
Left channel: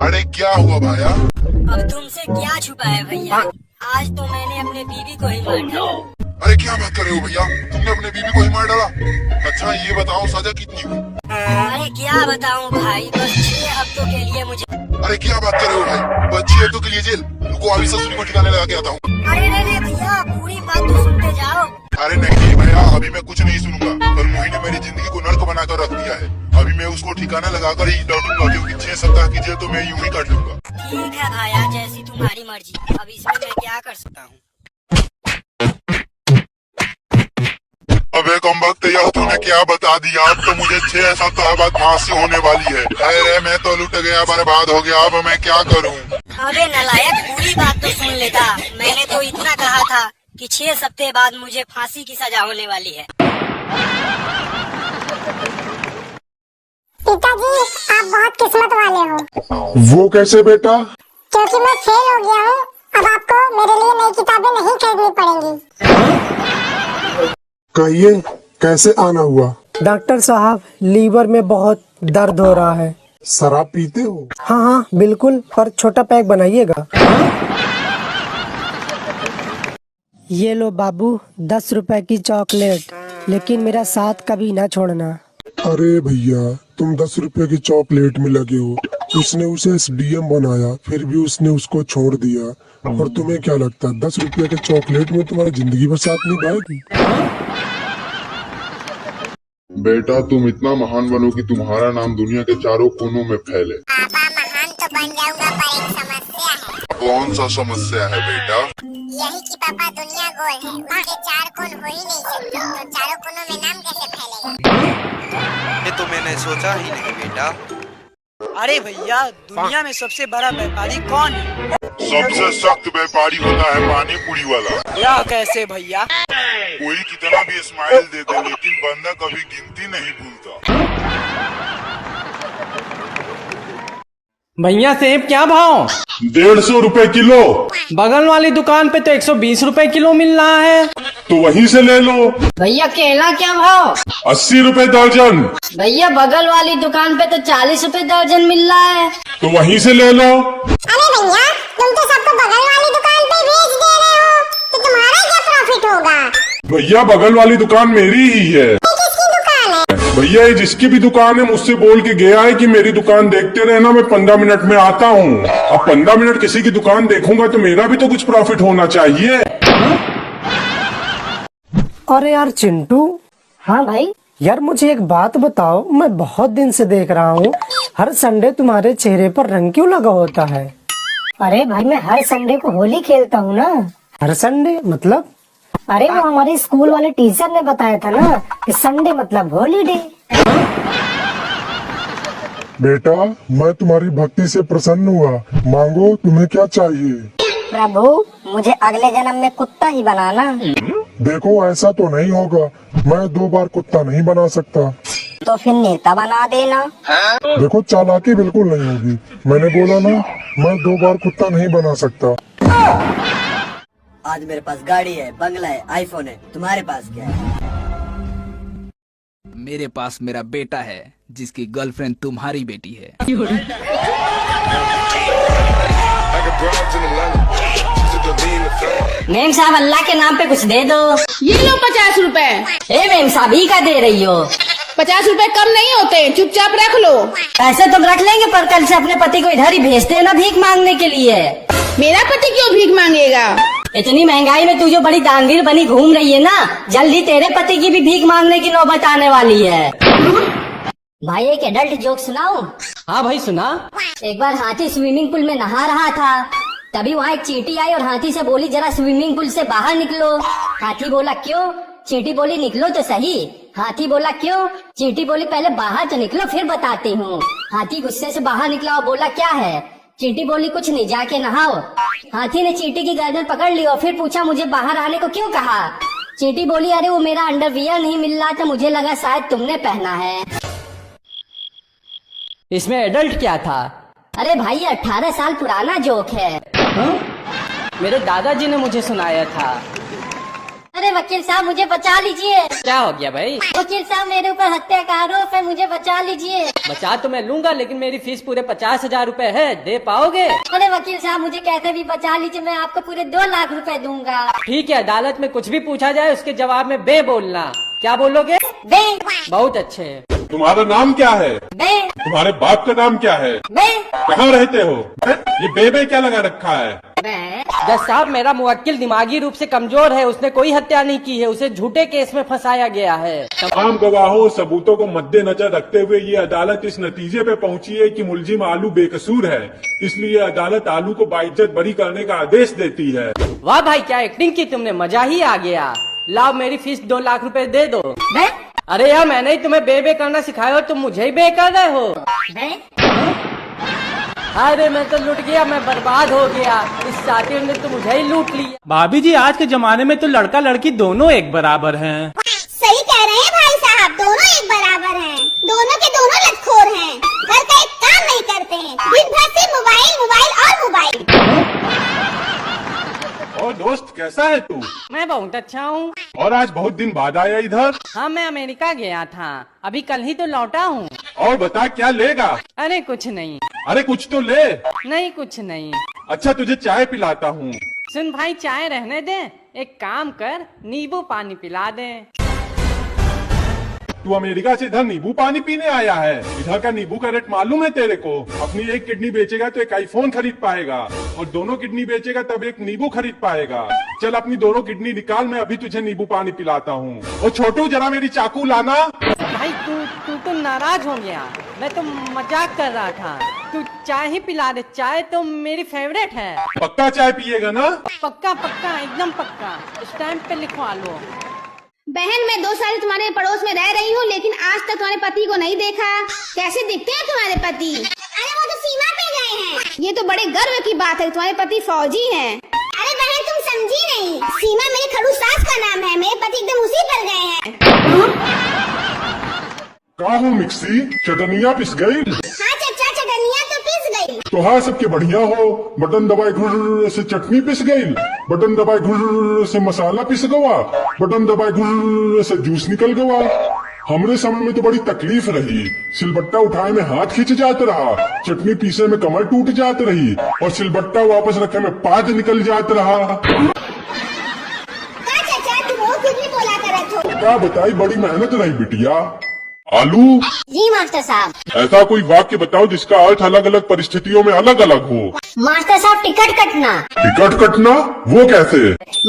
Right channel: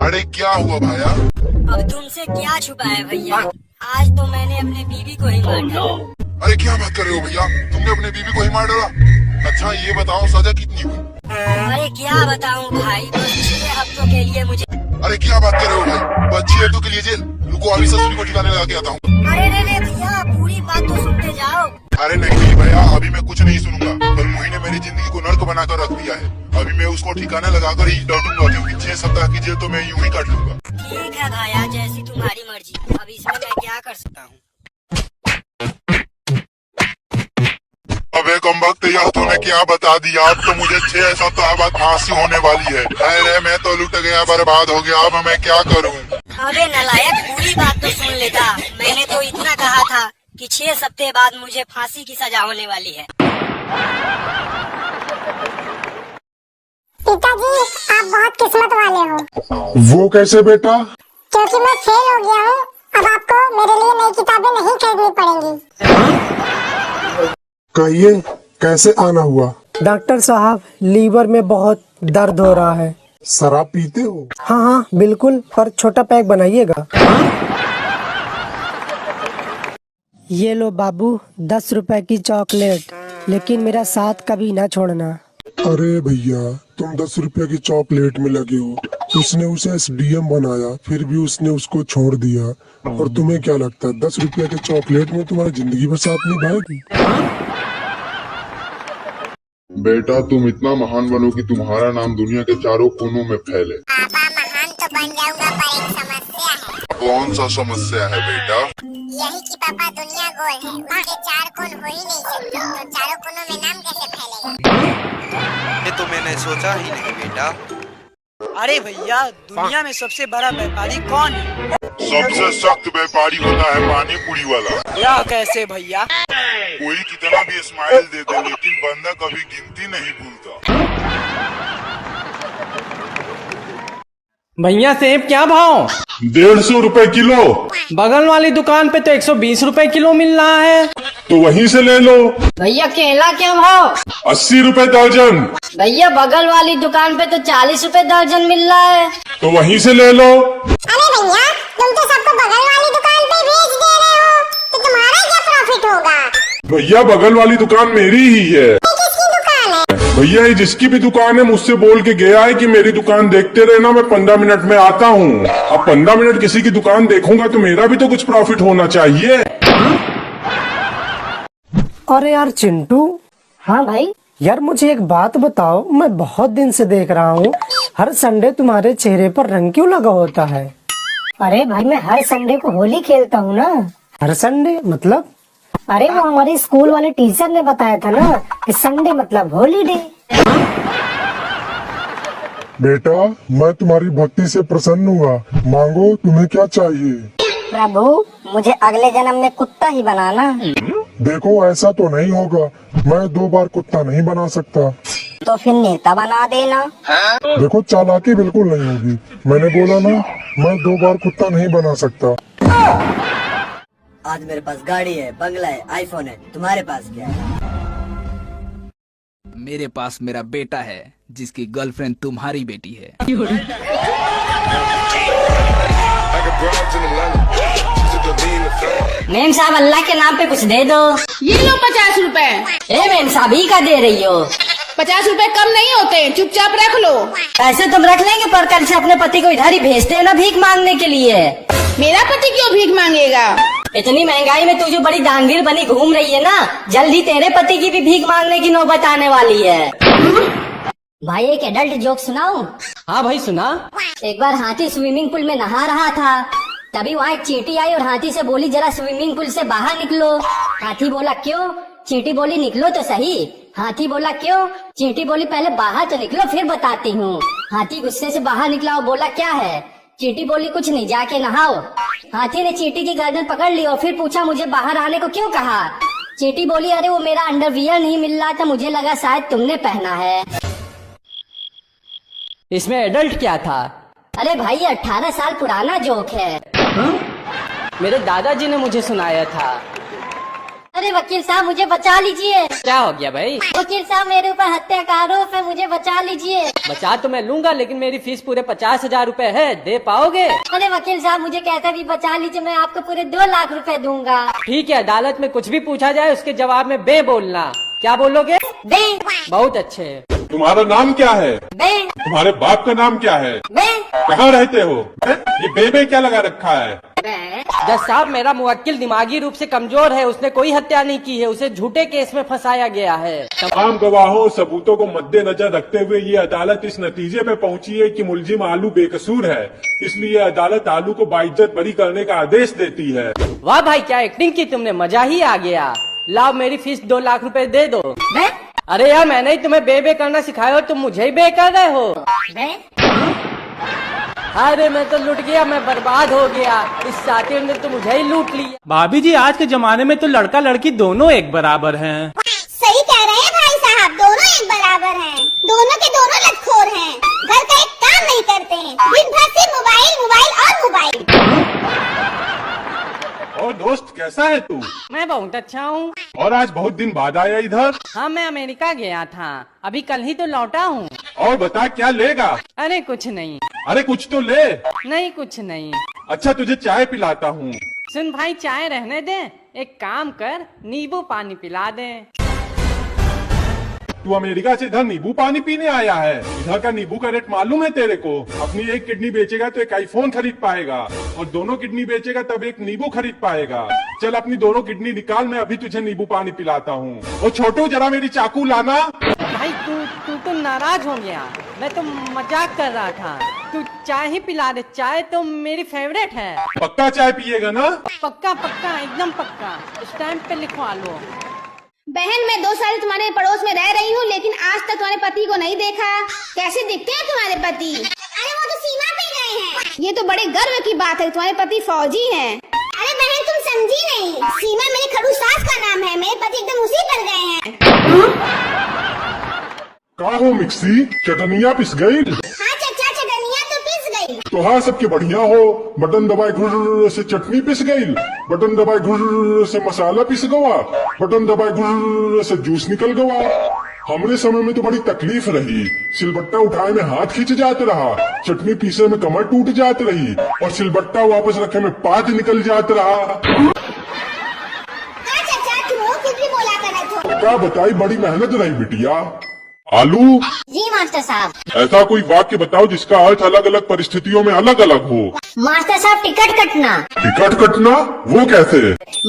अरे क्या हुआ भैया? अब तुमसे क्या छुपा है भैया, आज तो मैंने अपने बीवी को ही मार डाला। अरे क्या बात कर रहे हो भैया, तुमने अपने बीवी को ही मार डाला? अच्छा ये बताओ सजा कितनी हुई? अरे क्या बताऊं भाई, बस 6 हफ्तों के लिए मुझे। अरे क्या बात कर रहे हो भाई, बस 6 हफ्तों के लिए जेल? रुको अभी ससुरी को ठिकाने लगा के आता हूँ। अरे नहीं भैया, पूरी बात तो सुनते जाओ। अरे नहीं भैया, अभी मैं कुछ नहीं सुनूंगा। कल मोही ने मेरी जिंदगी को नर्क बनाकर रख दिया है, अभी मैं उसको ठिकाना लगाकर ही लौटूंगा, क्योंकि 6 सप्ताह की जेल तो मैं यूं ही काट लूंगा। ठीक है भाया, जैसी तुम्हारी मर्जी। अब इसमें मैं क्या कर सकता हूँ? अबे कमबख्त यार, तूने क्या बता दिया? अब तो मुझे 6 सप्ताह बाद फांसी होने वाली है। अरे मैं तो लुट गया, बर्बाद हो गया, अब मैं क्या करूँ? अबे नलायक, पूरी बात तो सुन लेता। मैंने तो इतना कहा था कि 6 सप्ताह बाद मुझे फांसी की सजा होने वाली है। पिताजी आप बहुत किस्मत वाले हो। वो कैसे बेटा? क्योंकि मैं फेल हो गया हूँ, अब आपको मेरे लिए नई किताबें नहीं खरीदनी पड़ेंगी। कहिए कैसे आना हुआ? डॉक्टर साहब लीवर में बहुत दर्द हो रहा है। शराब पीते हो? हाँ हाँ बिल्कुल, पर छोटा पैक बनाइएगा। ये लो बाबू 10 रुपए की चॉकलेट, लेकिन मेरा साथ कभी ना छोड़ना। अरे भैया तुम 10 रुपए की चॉकलेट में लगे हो, उसने उसे SDM बनाया, फिर भी उसने उसको छोड़ दिया। और तुम्हें क्या लगता है 10 रुपए के चॉकलेट में तुम्हारी जिंदगी भर साथ निभाएगी? बेटा तुम इतना महान बनो कि तुम्हारा नाम दुनिया के चारों कोनों में फैले। पापा महान तो बन जाऊंगा, पर एक समस्या है। कौन सा समस्या है बेटा? यही कि पापा दुनिया गोल है, उसके 4 कोन हो ही नहीं सकते, तो चारों कोनों में नाम कैसे फैलेगा? ये तो मैंने सोचा ही नहीं बेटा। अरे भैया, दुनिया में सबसे बड़ा व्यापारी कौन है? सबसे सख्त व्यापारी होता है पानी पूरी वाला। यह कैसे भैया? कोई कितना भी स्माइल दे दे, लेकिन बंदा कभी गिनती नहीं भूलता। भैया सेब क्या भाव? 150 रुपए किलो। बगल वाली दुकान पे तो 120 रुपए किलो मिल रहा है। तो वहीं से ले लो। भैया केला क्या भाव? 80 रुपए दर्जन। भैया बगल वाली दुकान पे तो 40 रुपए दर्जन मिल रहा है। तो वहीं से ले लो। अरे भैया तुम तो सबको बगल वाली दुकान पे भेज दे रहे हो, तो तुम्हारा क्या प्रॉफिट होगा? भैया बगल वाली दुकान मेरी ही है। किसकी दुकान है? भैया ये जिसकी भी दुकान है मुझसे बोल के गया है कि मेरी दुकान देखते रहना, मैं 15 मिनट में आता हूँ। अब 15 मिनट किसी की दुकान देखूंगा तो मेरा भी तो कुछ प्रॉफिट होना चाहिए। अरे यार चिंटू। हाँ भाई। यार मुझे एक बात बताओ, मैं बहुत दिन से देख रहा हूँ हर संडे तुम्हारे चेहरे पर रंग क्यों लगा होता है? अरे भाई मैं हर संडे को होली खेलता हूँ ना। हर संडे मतलब? अरे वो हमारे स्कूल वाले टीचर ने बताया था ना कि संडे मतलब हॉलीडे। बेटा मैं तुम्हारी भक्ति से प्रसन्न हुआ, मांगो तुम्हें क्या चाहिए? प्रभु मुझे अगले जन्म में कुत्ता ही बनाना। देखो ऐसा तो नहीं होगा, मैं 2 बार कुत्ता नहीं बना सकता। तो फिर नेता बना देना। देखो चालाकी बिल्कुल नहीं होगी, मैंने बोला ना मैं 2 बार कुत्ता नहीं बना सकता। आज मेरे पास गाड़ी है, बंगला है, आईफोन है, तुम्हारे पास क्या है? मेरे पास मेरा बेटा है जिसकी गर्लफ्रेंड तुम्हारी बेटी है। मेम साहब अल्लाह के नाम पे कुछ दे दो। ये लो 50 रुपए। ए मेम साहब ही का दे रही हो? 50 रुपए कम नहीं होते, चुपचाप रख लो। पैसे तुम रख लेंगे, पर कल से अपने पति को इधर ही भेजते हैं ना भीख मांगने के लिए। मेरा पति क्यों भीख मांगेगा? इतनी महंगाई में तू जो बड़ी दानवीर बनी घूम रही है ना, जल्दी तेरे पति की भी भीख मांगने की नौबत आने वाली है। भाई एक एडल्ट जोक सुनाओ? हाँ भाई सुना। एक बार हाथी स्विमिंग पूल में नहा रहा था, तभी वहाँ एक चींटी आई और हाथी से बोली जरा स्विमिंग पूल से बाहर निकलो। हाथी बोला क्यों? चींटी बोली निकलो तो सही। हाथी बोला क्यों? चींटी बोली पहले बाहर तो निकलो फिर बताती हूँ। हाथी गुस्से से बाहर निकला और बोला क्या है? चींटी बोली कुछ नहीं, जाके नहाओ। हाथी ने चींटी की गर्दन पकड़ ली और फिर पूछा मुझे बाहर आने को क्यों कहा। चींटी बोली अरे वो मेरा अंडरवियर नहीं मिल रहा था, मुझे लगा शायद तुमने पहना है। इसमें एडल्ट क्या था? अरे भाई 18 साल पुराना जोक है। मेरे दादाजी ने मुझे सुनाया था। अरे वकील साहब मुझे बचा लीजिए। क्या हो गया भाई? वकील साहब मेरे ऊपर हत्या का आरोप है, मुझे बचा लीजिए। बचा तो मैं लूंगा, लेकिन मेरी फीस पूरे 50,000 रुपए है, दे पाओगे? अरे वकील साहब मुझे कैसा भी बचा लीजिए, मैं आपको पूरे 2 लाख रुपए दूंगा। ठीक है, अदालत में कुछ भी पूछा जाए उसके जवाब में बे बोलना। क्या बोलोगे? बे। बहुत अच्छे। तुम्हारा नाम क्या है? बे। तुम्हारे बाप का नाम क्या है? बे। कहाँ रहते हो? ये बे क्या लगा रखा है? जज साहब, मेरा मुवक्किल दिमागी रूप से कमजोर है, उसने कोई हत्या नहीं की है, उसे झूठे केस में फंसाया गया है। तमाम गवाहों सबूतों को मद्देनजर रखते हुए ये अदालत इस नतीजे पे पहुंची है कि मुलजिम आलू बेकसूर है, इसलिए अदालत आलू को बाइज्जत बरी करने का आदेश देती है। वाह भाई, क्या एक्टिंग की तुमने, मजा ही आ गया। लाओ मेरी फीस 2 लाख रुपए दे दो। अरे यार, मैंने ही तुम्हें बे करना सिखाया हो, तुम मुझे ही बे कर रहे हो। अरे मैं तो लुट गया, मैं बर्बाद हो गया, इस सातिर ने तो मुझे ही लूट लिया। भाभी जी, आज के जमाने में तो लड़का लड़की दोनों एक बराबर हैं। सही कह रहे हैं भाई साहब, दोनों एक बराबर हैं, दोनों के दोनों लतखोर हैं, घर का एक काम नहीं करते हैं, दिन भर सिर्फ मोबाइल मोबाइल और मोबाइल। और दोस्त कैसा है तू? मैं बहुत अच्छा हूँ। और आज बहुत दिन बाद आया इधर? हाँ, मैं अमेरिका गया था, अभी कल ही तो लौटा हूँ। और बता क्या लेगा? अरे कुछ नहीं। अरे कुछ तो ले। नहीं कुछ नहीं। अच्छा तुझे चाय पिलाता हूँ। सुन भाई, चाय रहने दे, एक काम कर, नींबू पानी पिला दे। तू अमेरिका से इधर नींबू पानी पीने आया है? इधर का नींबू का रेट मालूम है तेरे को? अपनी एक किडनी बेचेगा तो एक आईफोन खरीद पाएगा, और दोनों किडनी बेचेगा तब एक नींबू खरीद पाएगा। चल अपनी दोनों किडनी निकाल, मैं अभी तुझे नींबू पानी पिलाता हूँ। और छोटू जरा मेरी चाकू लाना। भाई तू तो नाराज हो गया, मैं तो मजाक कर रहा था। तू चाय ही पिला दे, चाय तो मेरी फेवरेट है। पक्का चाय पिएगा ना? पक्का पक्का, एकदम पक्का, स्टैम्प पे लिखवा लो। बहन, मैं 2 साल तुम्हारे पड़ोस में रह रही हूँ, लेकिन आज तक तुम्हारे पति को नहीं देखा। कैसे दिखते हैं तुम्हारे पति? अरे वो तो सीमा पे गए हैं। ये तो बड़े गर्व की बात है, तुम्हारे पति फौजी हैं। अरे बहन तुम समझी नहीं, सीमा मेरे खड़ूस सास का नाम है, मेरे पति एकदम उसी पर गए हैं। कहाँ हो मिक्सी, चटनिया पिस गई? हाँ चचा, चटनिया तो पिस गई। तो हाँ सबके बढ़िया हो, बटन दबाई घुर से चटनी पिस गई, बटन दबाई घुर से मसाला पिस गवा, बटन दबाई घुर से जूस निकल गवा। हमरे समय में तो बड़ी तकलीफ रही, सिलबट्टा उठाए में हाथ खींच जात रहा, चटनी पीसे में कमर टूट जात रही, और सिलबट्टा वापस रखे में पाद निकल जात रहा। हाँ चचा, तुम वो कुछ भी बोला करत हो। क्या बताई, बड़ी मेहनत रही बिटिया। आलू जी मास्टर साहब। ऐसा कोई वाक्य बताओ जिसका अर्थ अलग अलग परिस्थितियों में अलग अलग हो। मास्टर साहब टिकट कटना। टिकट कटना? वो कैसे?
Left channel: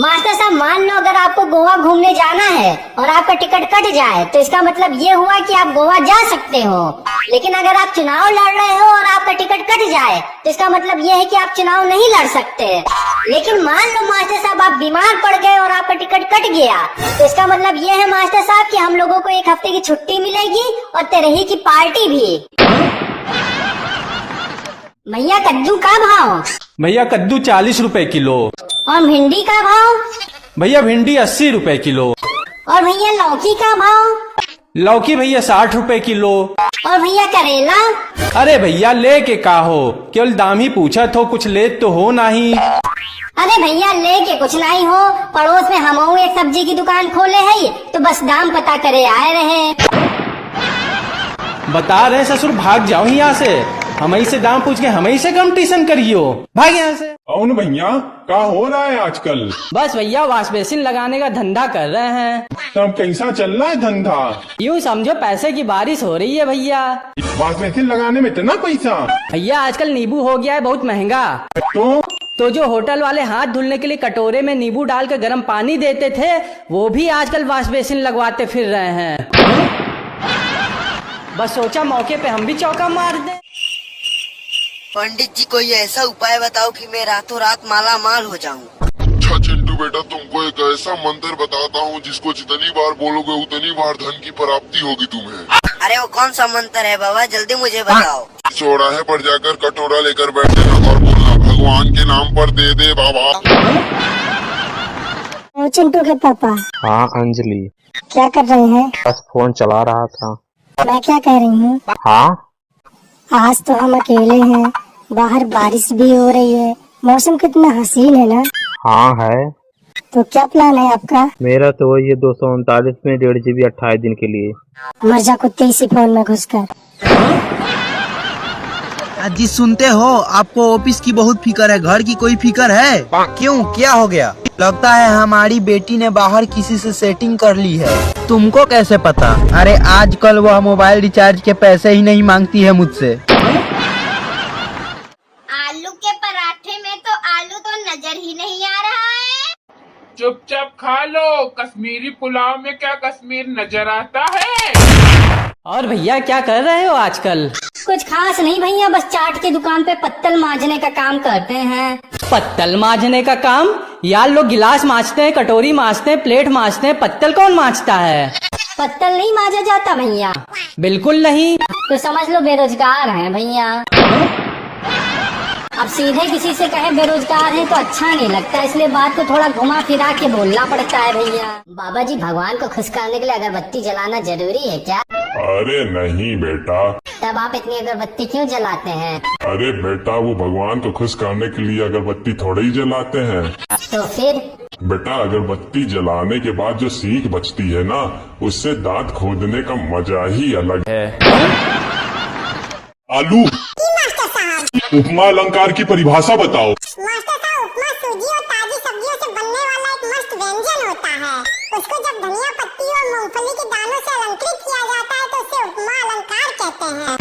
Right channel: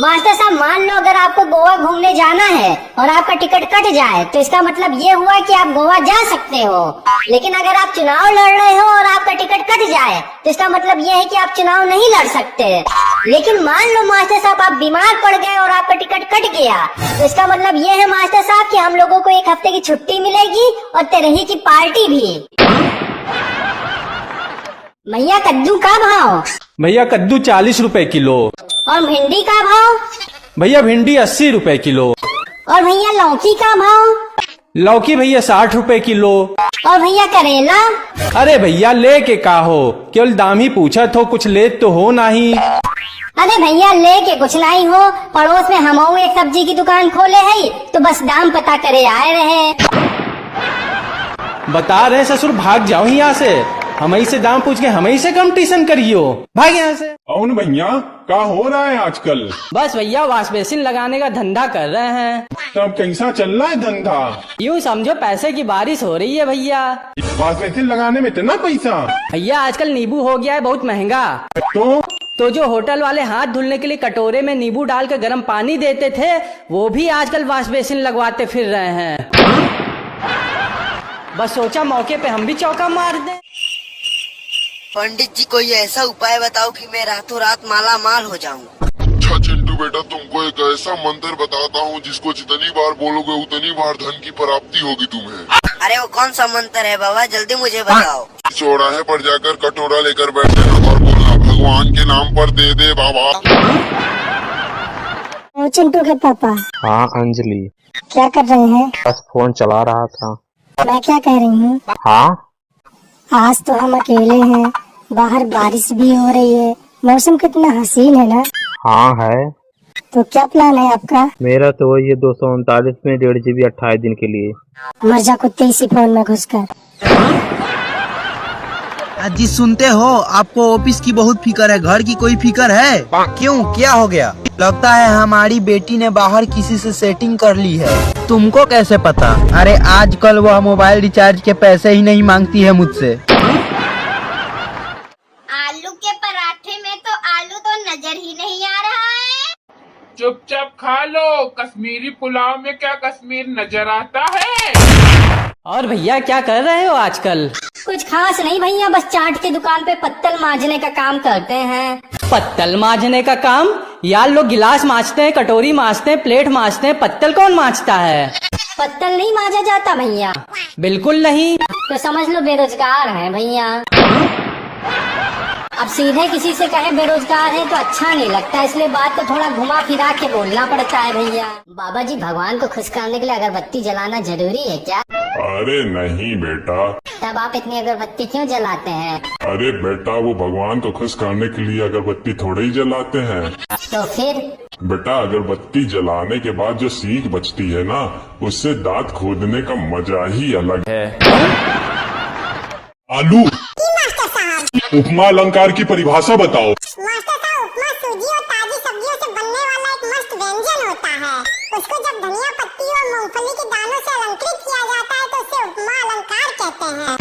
मास्टर साहब मान लो अगर आपको गोवा घूमने जाना है और आपका टिकट कट जाए तो इसका मतलब ये हुआ कि आप गोवा जा सकते हो, लेकिन अगर आप चुनाव लड़ रहे हो और आपका टिकट कट जाए तो इसका मतलब ये है कि आप चुनाव नहीं लड़ सकते। लेकिन मान लो मास्टर साहब आप बीमार पड़ गए और आपका टिकट कट गया तो इसका मतलब ये है मास्टर साहब कि हम लोगों को 1 हफ्ते की छुट्टी मिलेगी और तेरही की पार्टी भी। भैया कद्दू का भाव? भैया कद्दू 40 रुपए किलो। और भिंडी का भाव? भैया भिंडी 80 रुपए किलो। और भैया लौकी का भाव? लौकी भैया 60 रुपए किलो। और भैया करेला? अरे भैया ले के का हो, केवल दाम ही पूछा तो, कुछ ले तो हो नहीं। अरे भैया ले के कुछ नहीं हो, पड़ोस में हम एक सब्जी की दुकान खोले है तो बस दाम पता करे आए रहे। बता रहे ससुर, भाग जाओ यहाँ से, हमें से दाम पूछ के हमें से कंपटीशन करियो, भाग यहाँ से। कौन भैया, क्या हो रहा है आजकल? बस भैया वॉश बेसिन लगाने का धंधा कर रहे हैं। तब कैसा चल रहा है धंधा? यूँ समझो पैसे की बारिश हो रही है भैया। वॉश बेसिन लगाने में इतना पैसा? भैया आजकल नींबू हो गया है बहुत महंगा। तो जो होटल वाले हाथ धुलने के लिए कटोरे में नींबू डाल कर गर्म पानी देते थे, वो भी आजकल वॉश बेसिन लगवाते फिर रहे हैं। बस सोचा मौके पे हम भी चौका मार दें। पंडित जी कोई ऐसा उपाय बताओ कि मैं रातों रात माला माल हो जाऊं। अच्छा चिंटू बेटा, तुमको एक ऐसा मंत्र बताता हूँ जिसको जितनी बार बोलोगे उतनी बार धन की प्राप्ति होगी तुम्हें। अरे वो कौन सा मंत्र है बाबा, जल्दी मुझे बताओ। चौराहे पर जाकर कटोरा लेकर बैठना और बोलना भगवान के नाम पर दे दे बाबा। चिंटू के पापा। हाँ अंजलि, क्या कर रहे हैं? बस फोन चला रहा था। मैं क्या कह रही हूँ, हाँ आज तो हम अकेले हैं, बाहर बारिश भी हो रही है, मौसम कितना हसीन है ना। हाँ है। तो क्या प्लान है आपका? मेरा तो वही है 239 में 1.5 GB 28 दिन के लिए। मर जा कुत्ते इसी फोन में घुसकर। जी सुनते हो, आपको ऑफिस की बहुत फिक्र है, घर की कोई फिक्र है? क्यों, क्या हो गया? लगता है हमारी बेटी ने बाहर किसी से सेटिंग कर ली है। तुमको कैसे पता? अरे आजकल वह मोबाइल रिचार्ज के पैसे ही नहीं मांगती है मुझसे। आलू के पराठे में तो आलू तो नजर ही नहीं आ रहा है। चुपचाप खा लो, कश्मीरी पुलाव में क्या कश्मीर नजर आता है? और भैया क्या कर रहे हो आजकल? कुछ खास नहीं भैया, बस चाट की दुकान पे पत्तल मांजने का काम करते हैं। पत्तल मांजने का काम? यार लोग गिलास मांजते हैं, कटोरी मांजते हैं, प्लेट मांजते हैं, पत्तल कौन मांजता है? पत्तल नहीं मांजा जाता भैया? बिल्कुल नहीं। तो समझ लो बेरोजगार है भैया। अब सीधे किसी से कहे बेरोजगार है तो अच्छा नहीं लगता, इसलिए बात को थोड़ा घुमा फिरा के बोलना पड़ता है भैया। बाबा जी, भगवान को खुश करने के लिए अगरबत्ती जलाना जरूरी है क्या? अरे नहीं बेटा। तब आप इतनी अगरबत्ती क्यों जलाते हैं? अरे बेटा, वो भगवान को खुश करने के लिए अगरबत्ती थोड़े ही जलाते हैं। तो फिर? बेटा, अगरबत्ती जलाने के बाद जो सीख बचती है ना, उससे दांत खोदने का मजा ही अलग है। आलू उपमा अलंकार की परिभाषा बताओ। मास्टर साहब, उपमा सूजी और ताजी सब्जियों से बनने वाला एक मस्त व्यंजन होता है। उसको जब धनिया पत्ती और मूंगफली के दानों से अलंकृत किया जाता है तो उसे उपमा अलंकार कहते हैं।